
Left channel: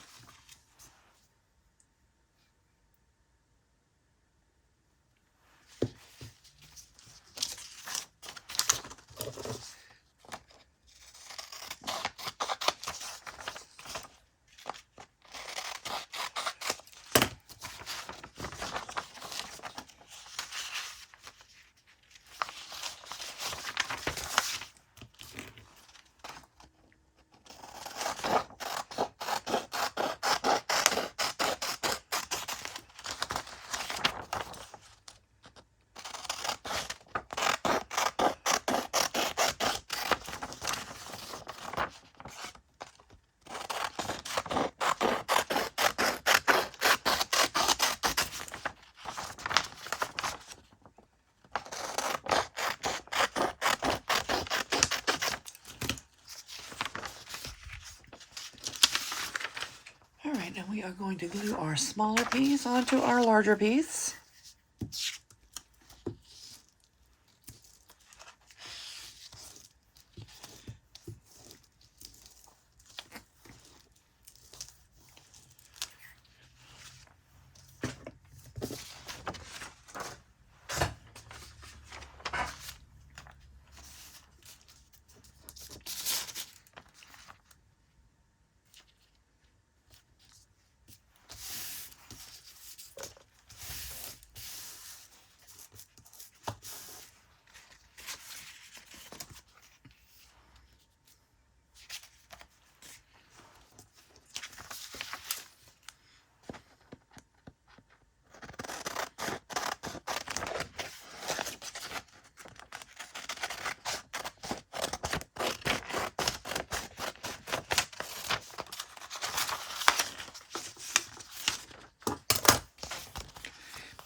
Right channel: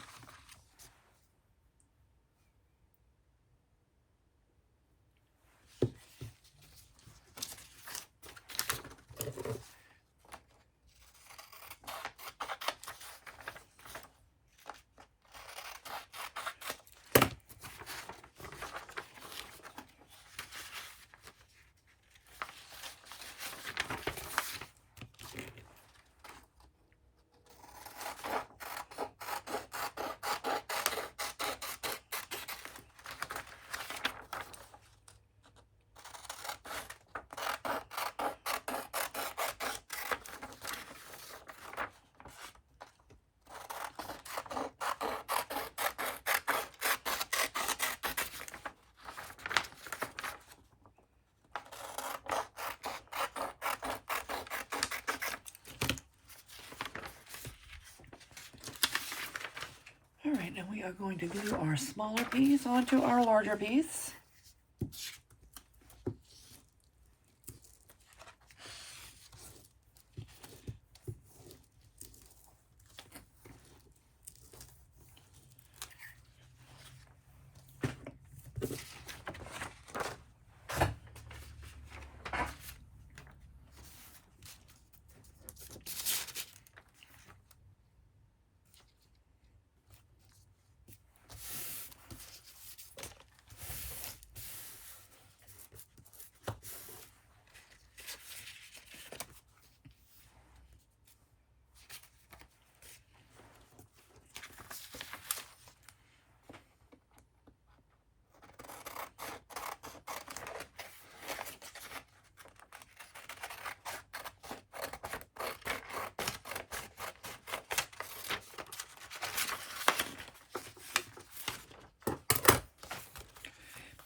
All right, now we are going to glue our smaller piece onto our larger piece.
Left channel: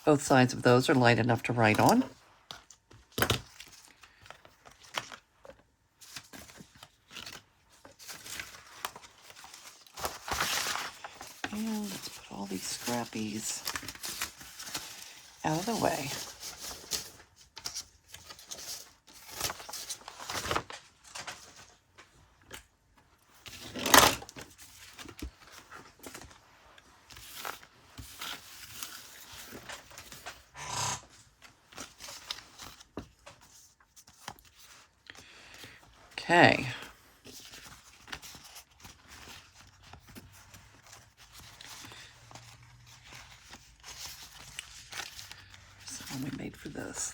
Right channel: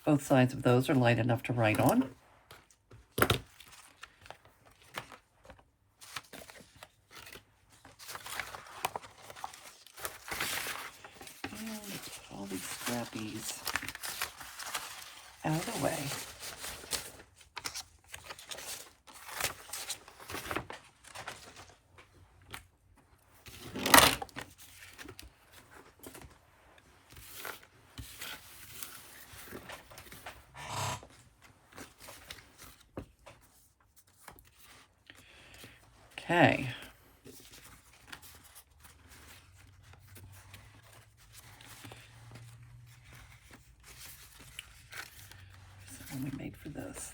Both sides of those are light enough to write on. And let's put all these scrappies out of the way. Okay. So only made for this.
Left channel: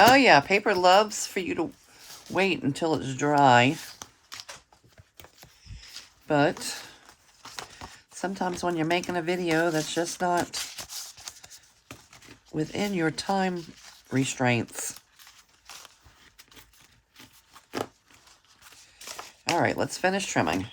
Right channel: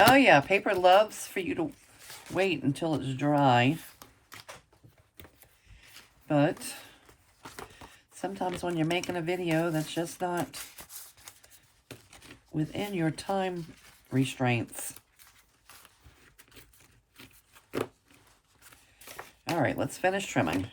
Oh yeah, paper loves for you to wait until it's dry. But sometimes when you're making a video that's just not within your time restraints. All right, let's finish trimming.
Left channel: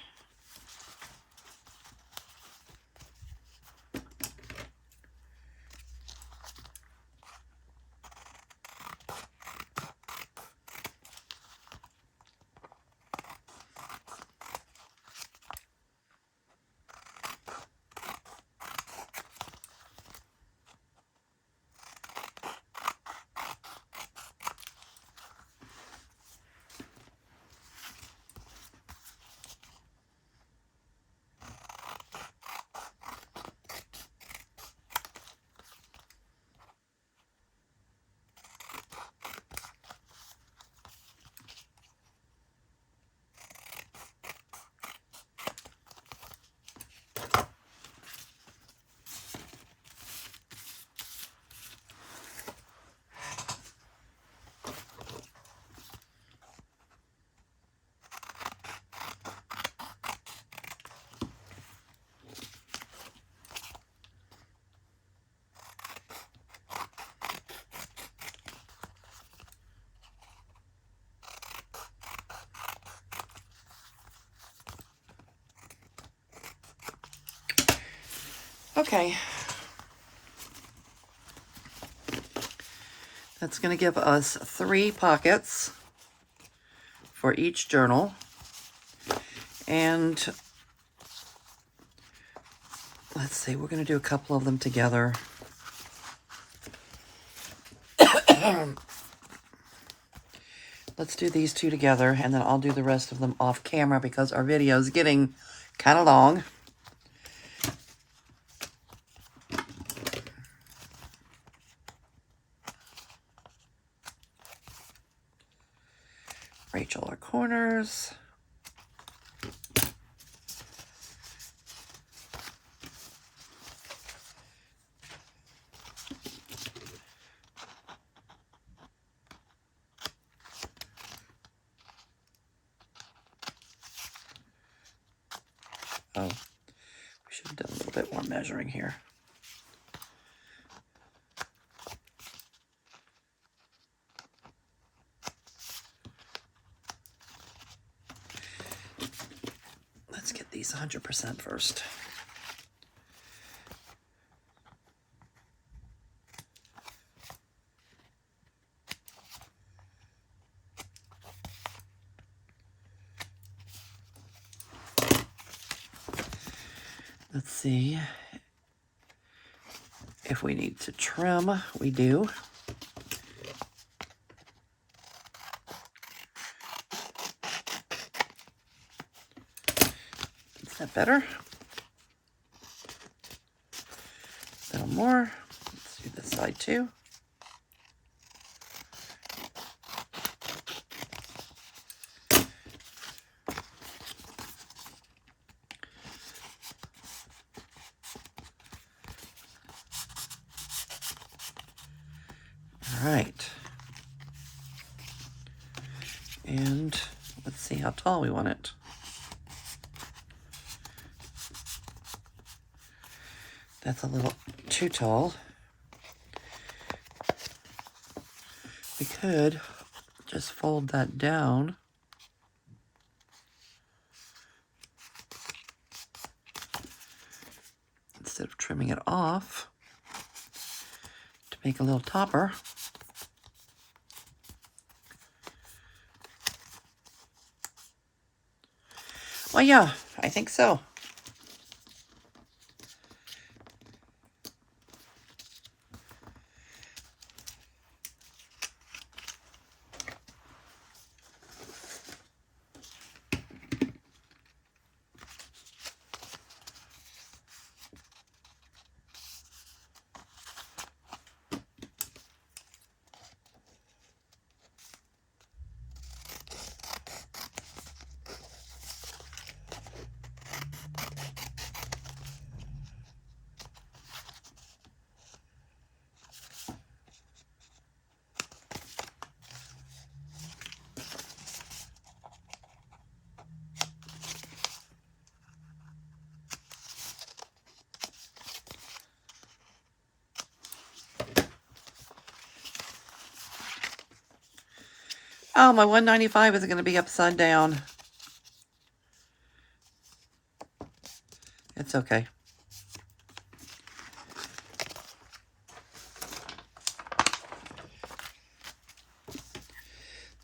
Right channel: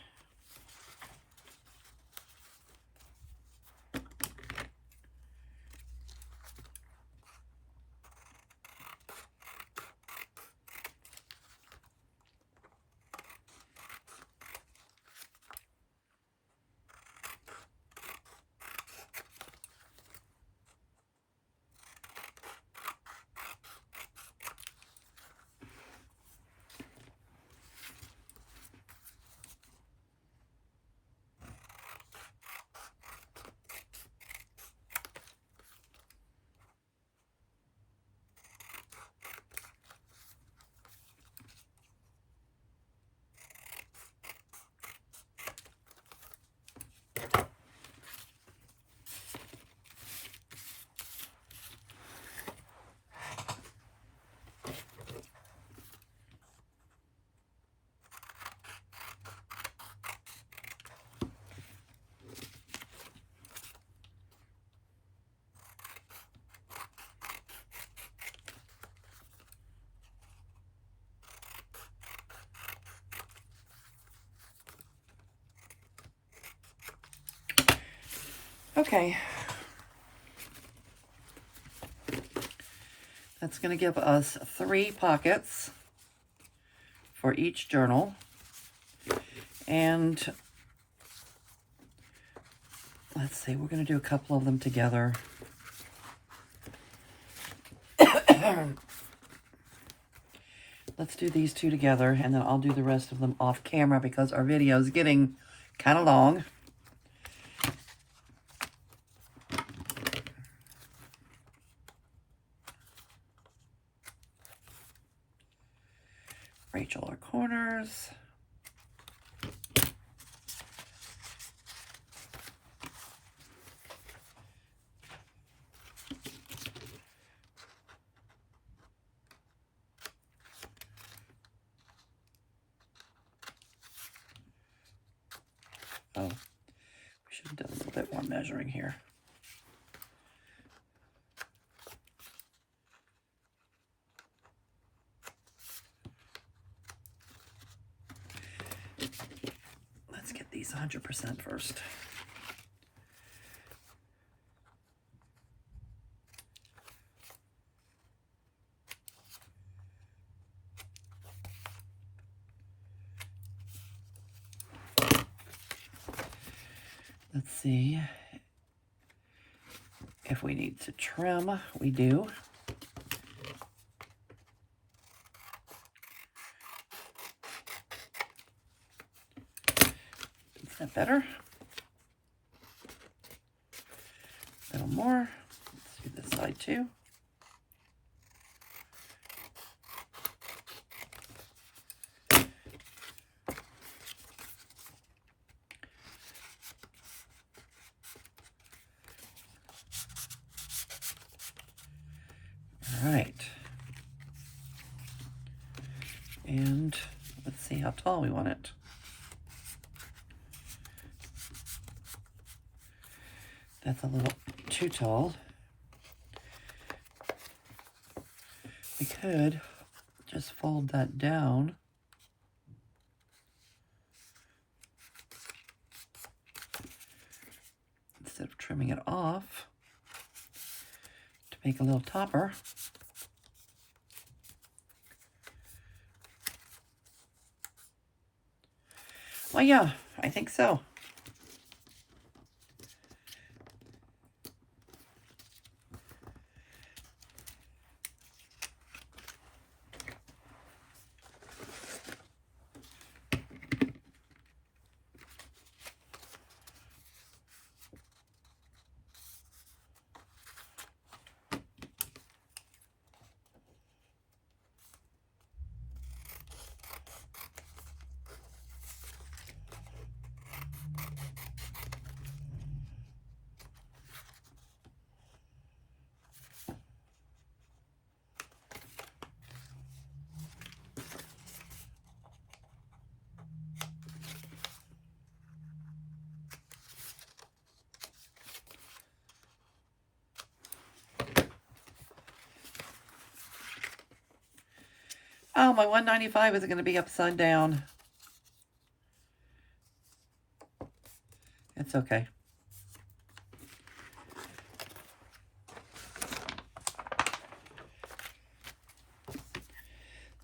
Okay. That's going to give us 3 pockets for each journal. And let's see, we're going to do a couple of them together. Let's do these 2 together, and then I'll do the rest of them off camera because our video is getting kind of long. Rachel, our corners. Oh, we should have done a little bit more measuring here. Let's get these 100% first. Let's see if we need to trim. We do. Is that better? A little more. Let's do this side too. All right. And let's see how tall we want it. That's a little too tall. We could just fold that down. Instead of trimming it off to make a little topper. Well, yeah, I think so. Oh, my 195 is going to be upside down. It's okay.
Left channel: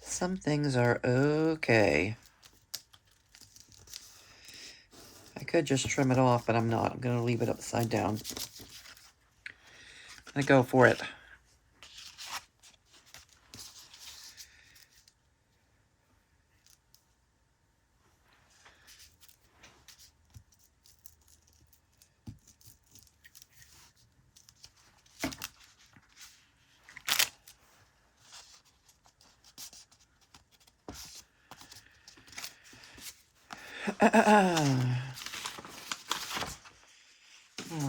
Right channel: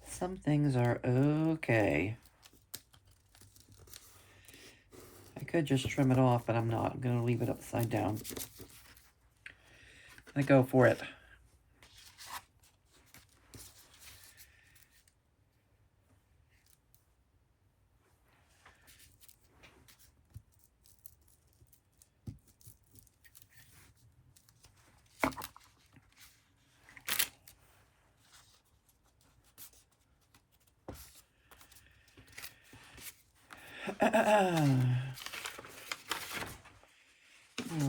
Some things are okay. I could just trim it off, but I'm not. I'm going to leave it upside down. I go for it. All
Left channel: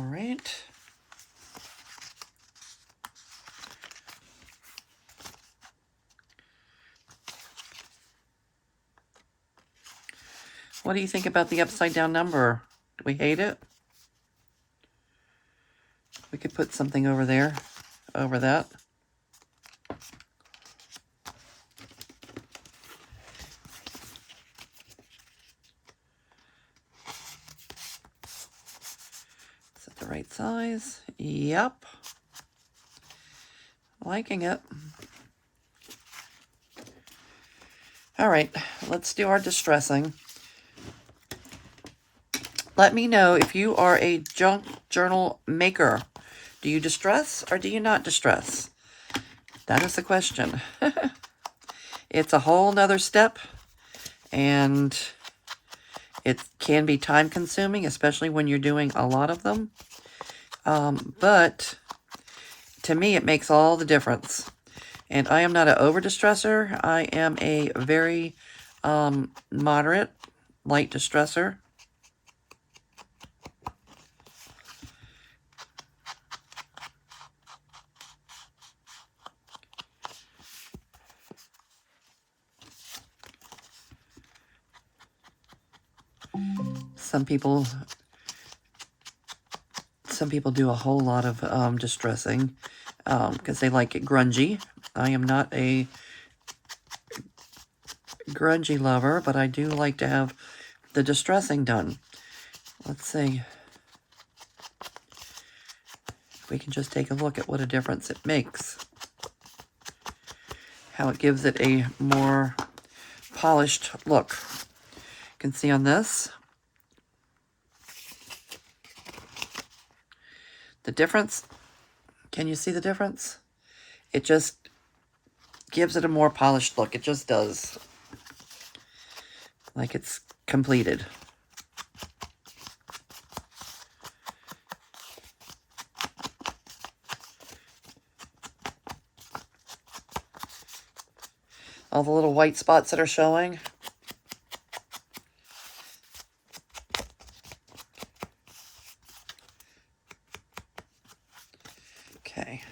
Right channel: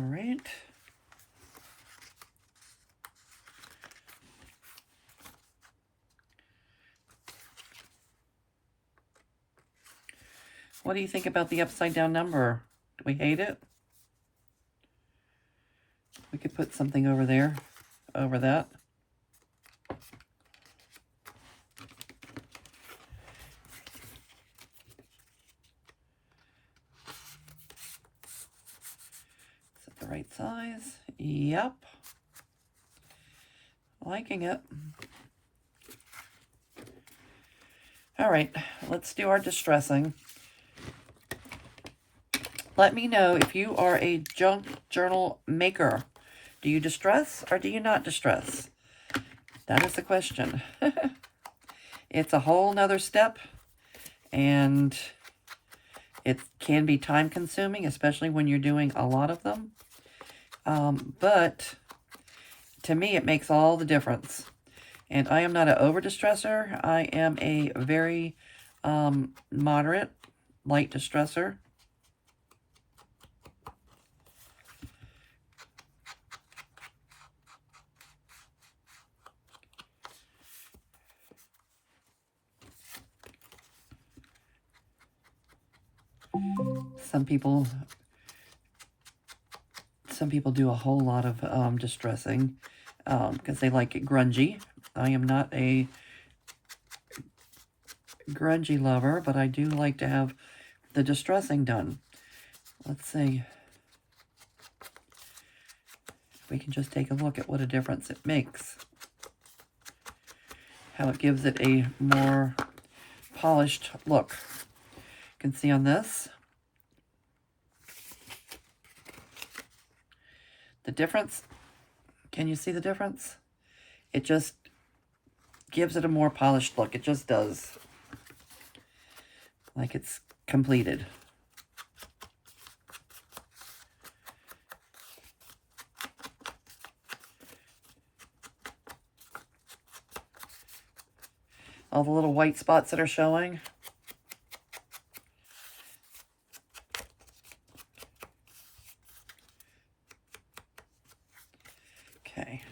right. What do you think about the upside down number? Do we hate it? We could put something over there, over that. Is it the right size? Yep. Liking it. All right, let's do our distressing. Let me know if you are a junk journal maker. Do you distress or do you not distress? That is the question. It's a whole nother step, and it can be time consuming, especially when you're doing a lot of them. But to me, it makes all the difference. And I am not an over distresser. I am a very moderate, light distresser. Some people do a whole lot of distressing because they like it grungy. I am not a grungy lover, but I do like to have the distressing done. Let's see. We can just take a look at what a difference it makes. How it gives it a more polished look. You can see on this the difference. Can you see the difference? It just gives it a more polished look. It just does. Like it's completed. All the little white spots that are showing. Okay.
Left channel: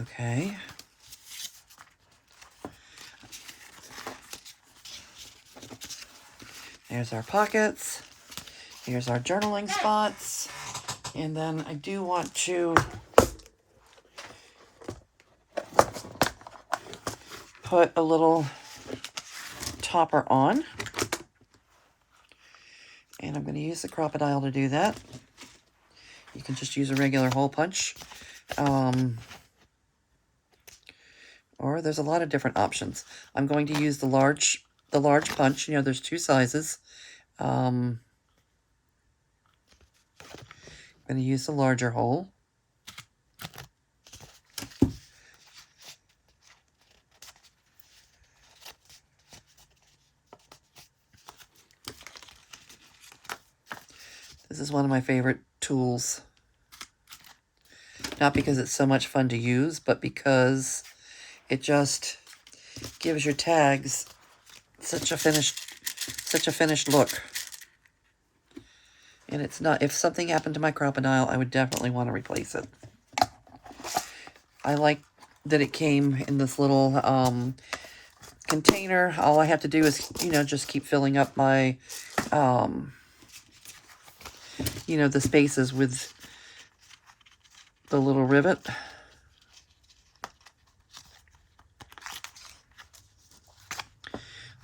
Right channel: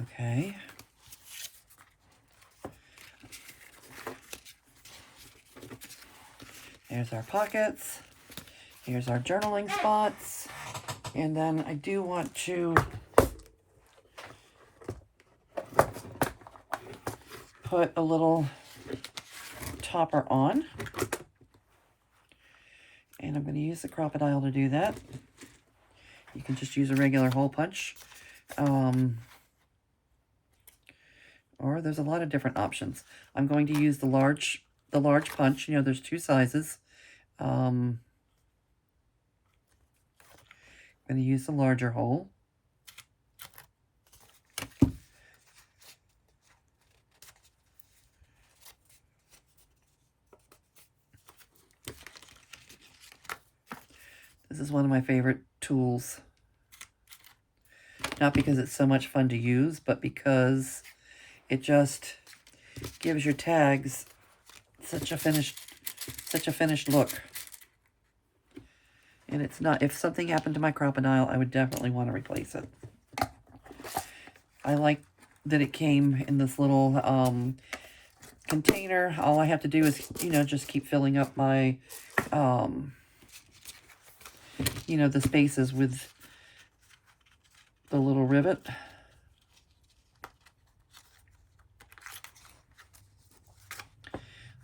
Okay. There's our pockets. Here's our journaling spots. And then I do want to put a little topper on. And I'm going to use the crocodile to do that. You can just use a regular hole punch. Or there's a lot of different options. I'm going to use the large punch. You know, there's two sizes. I'm going to use the larger hole. This is one of my favorite tools. Not because it's so much fun to use, but because it just gives your tags such a finished look. And it's not, if something happened to my crocodile, I would definitely want to replace it. I like that it came in this little container. All I have to do is, just keep filling up my, the spaces with the little rivet.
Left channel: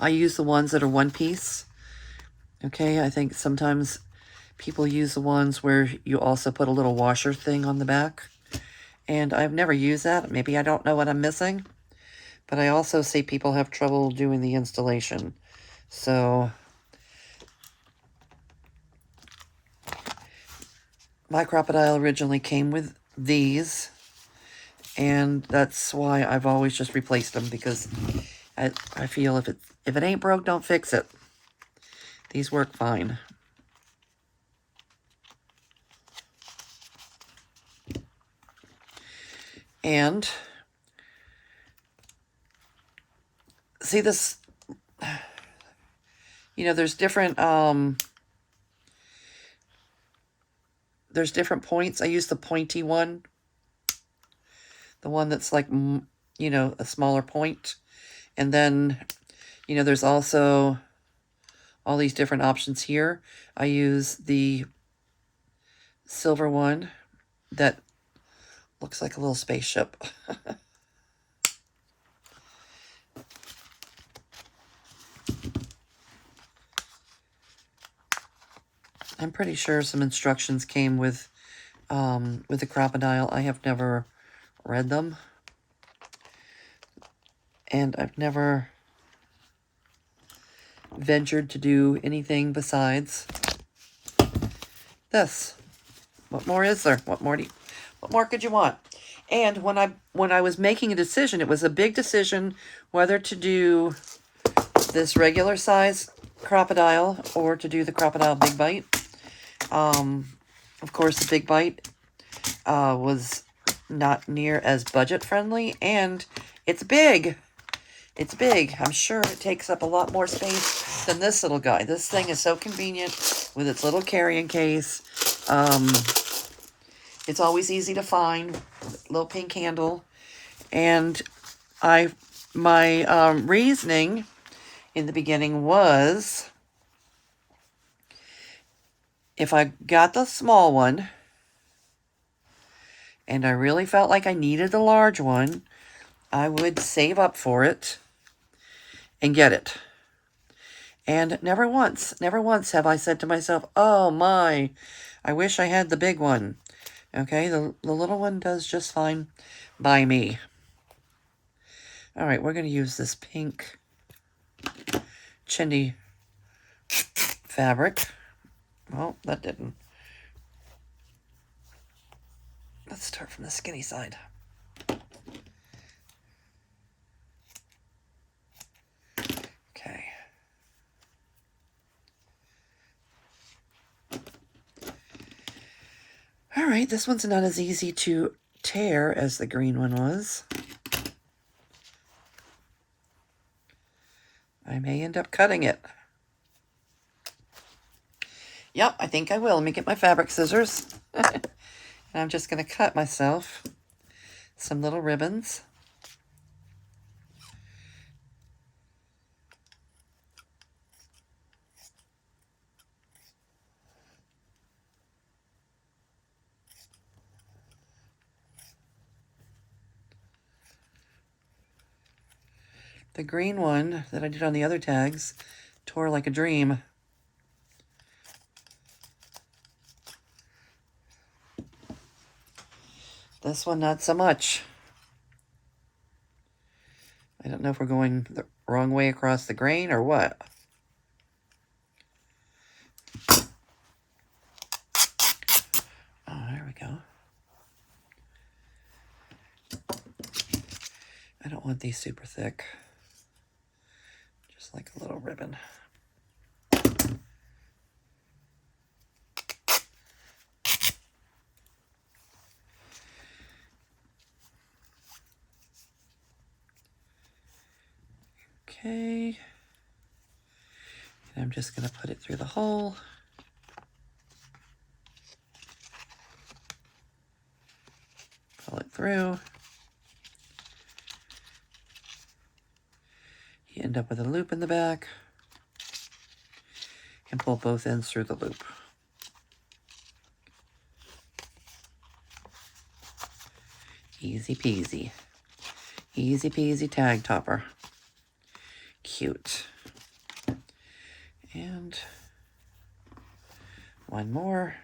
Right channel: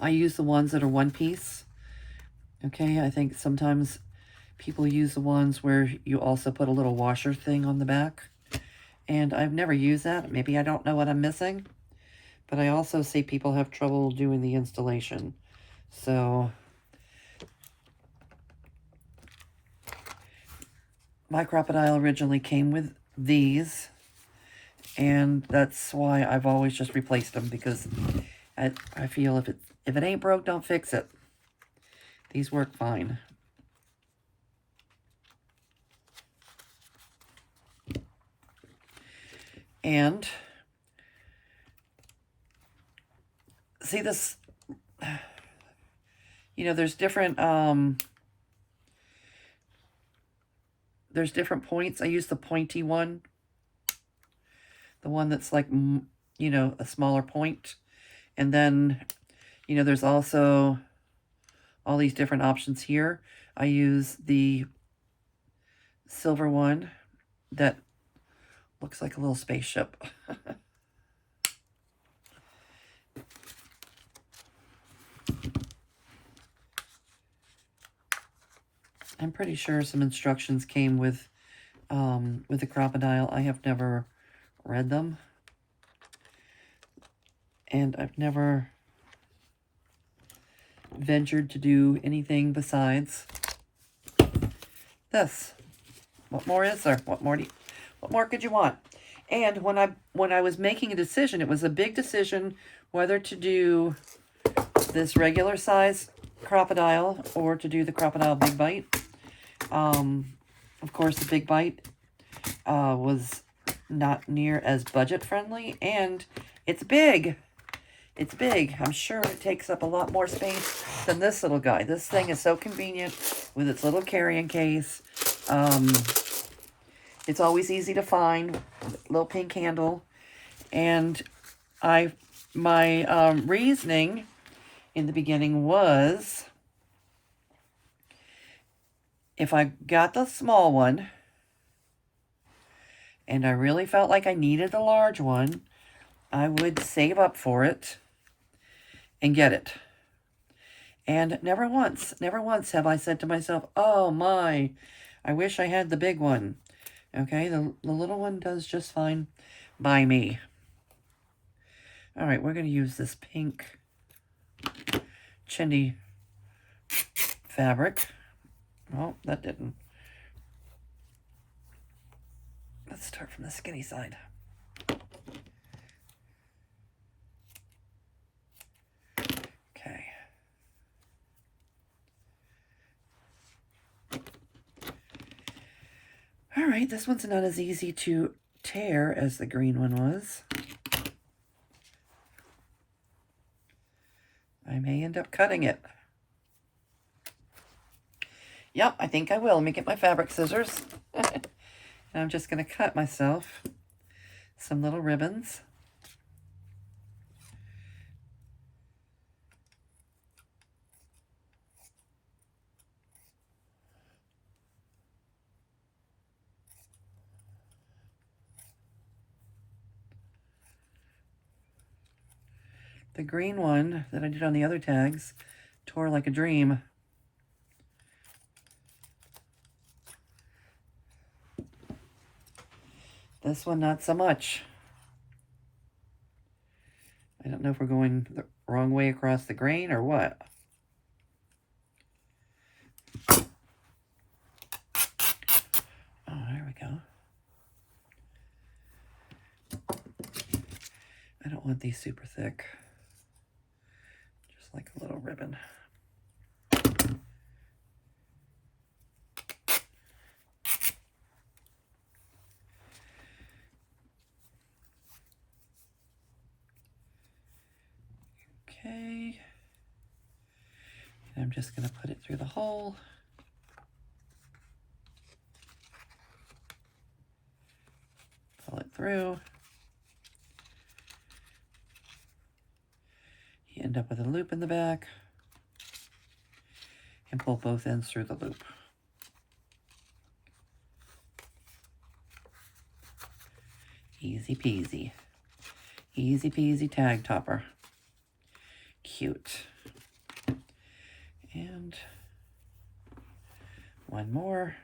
I use the ones that are one piece. Okay, I think sometimes people use the ones where you also put a little washer thing on the back. And I've never used that. Maybe I don't know what I'm missing. But I also see people have trouble doing the installation. So my crocodile originally came with these. And that's why I've always just replaced them, because I feel if it ain't broke, don't fix it. These work fine. And see this, there's different points. I use the pointy one. The one that's like, a smaller point. And then, there's also all these different options here. I use the silver one that looks like a little spaceship. I'm pretty sure some instructions came with the crocodile. I have never read them. And I've never ventured to do anything besides this. What more is there? What more could you want? And when I was making a decision, it was a big decision whether to do this regular size crocodile or to do the crocodile big bite. Of course, the big bite was not near as budget friendly, and it's big. It's big. I'm sure it takes up a lot more space than this little guy. This thing is so convenient with its little carrying case. It's always easy to find. Little pink handle. And my reasoning in the beginning was, if I got the small one and I really felt like I needed the large one, I would save up for it and get it. And never once have I said to myself, oh my, I wish I had the big one. Okay, the little one does just fine by me. All right, we're going to use this pink chintzy fabric. Well, that didn't. Let's start from the skinny side. Okay. All right, this one's not as easy to tear as the green one was. I may end up cutting it. Yep, I think I will. Let me get my fabric scissors. And I'm just going to cut myself some little ribbons. The green one that I did on the other tags tore like a dream. This one, not so much. I don't know if we're going the wrong way across the grain or what. Oh, there we go. I don't want these super thick. Just like a little ribbon. Okay. And I'm just going to put it through the hole. Pull it through. You end up with a loop in the back. And pull both ends through the loop. Easy peasy. Easy peasy tag topper. Cute. And one more.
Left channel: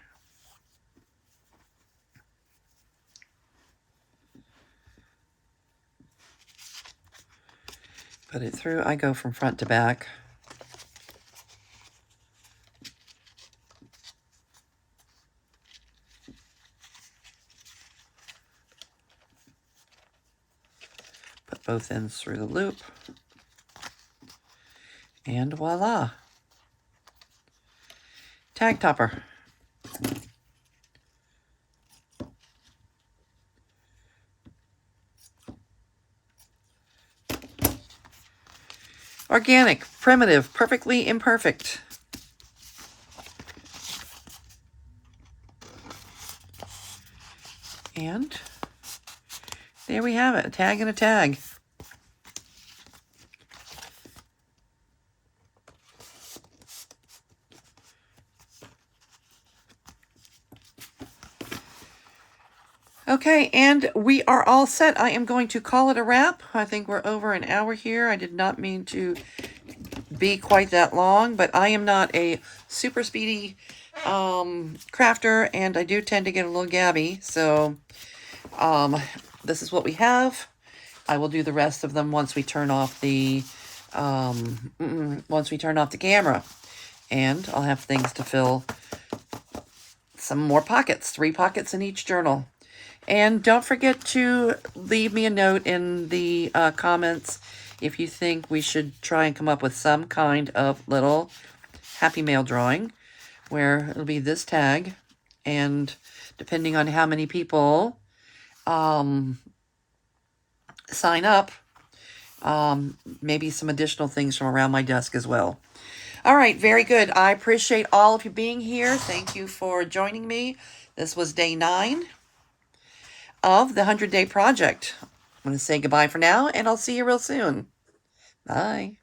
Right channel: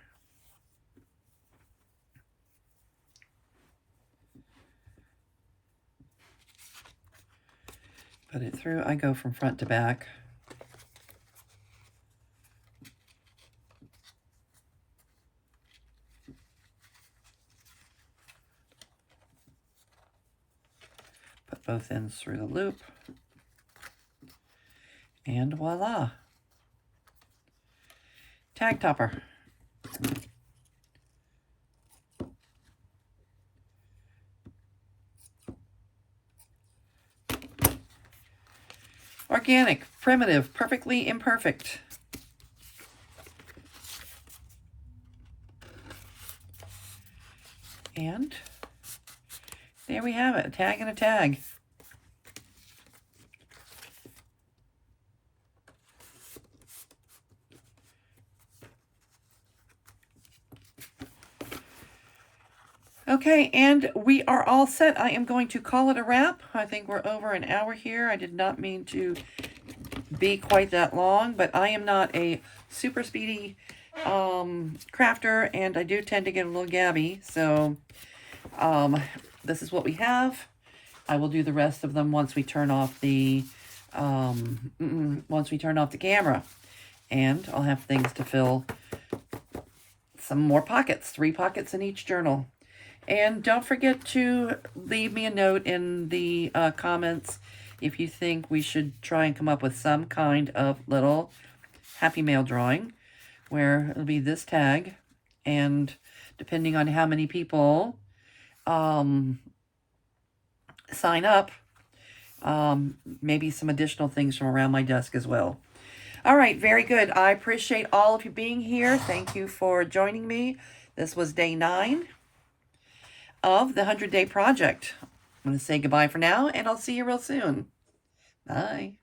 Put it through. I go from front to back. Put both ends through the loop. And voila. Tag topper. Organic, primitive, perfectly imperfect. And there we have it, a tag and a tag. Okay, and we are all set. I am going to call it a wrap. I think we're over an hour here. I did not mean to be quite that long, but I am not a super speedy crafter, and I do tend to get a little gabby. So this is what we have. I will do the rest of them once we turn off the camera, and I'll have things to fill some more pockets, 3 pockets in each journal. And don't forget to leave me a note in the comments if you think we should try and come up with some kind of little Happy Mail drawing where it'll be this tag, and depending on how many people sign up, maybe some additional things from around my desk as well. All right, very good. I appreciate all of you being here. Thank you for joining me. This was day 9 of the 100-Day Project. I'm going to say goodbye for now, and I'll see you real soon. Bye.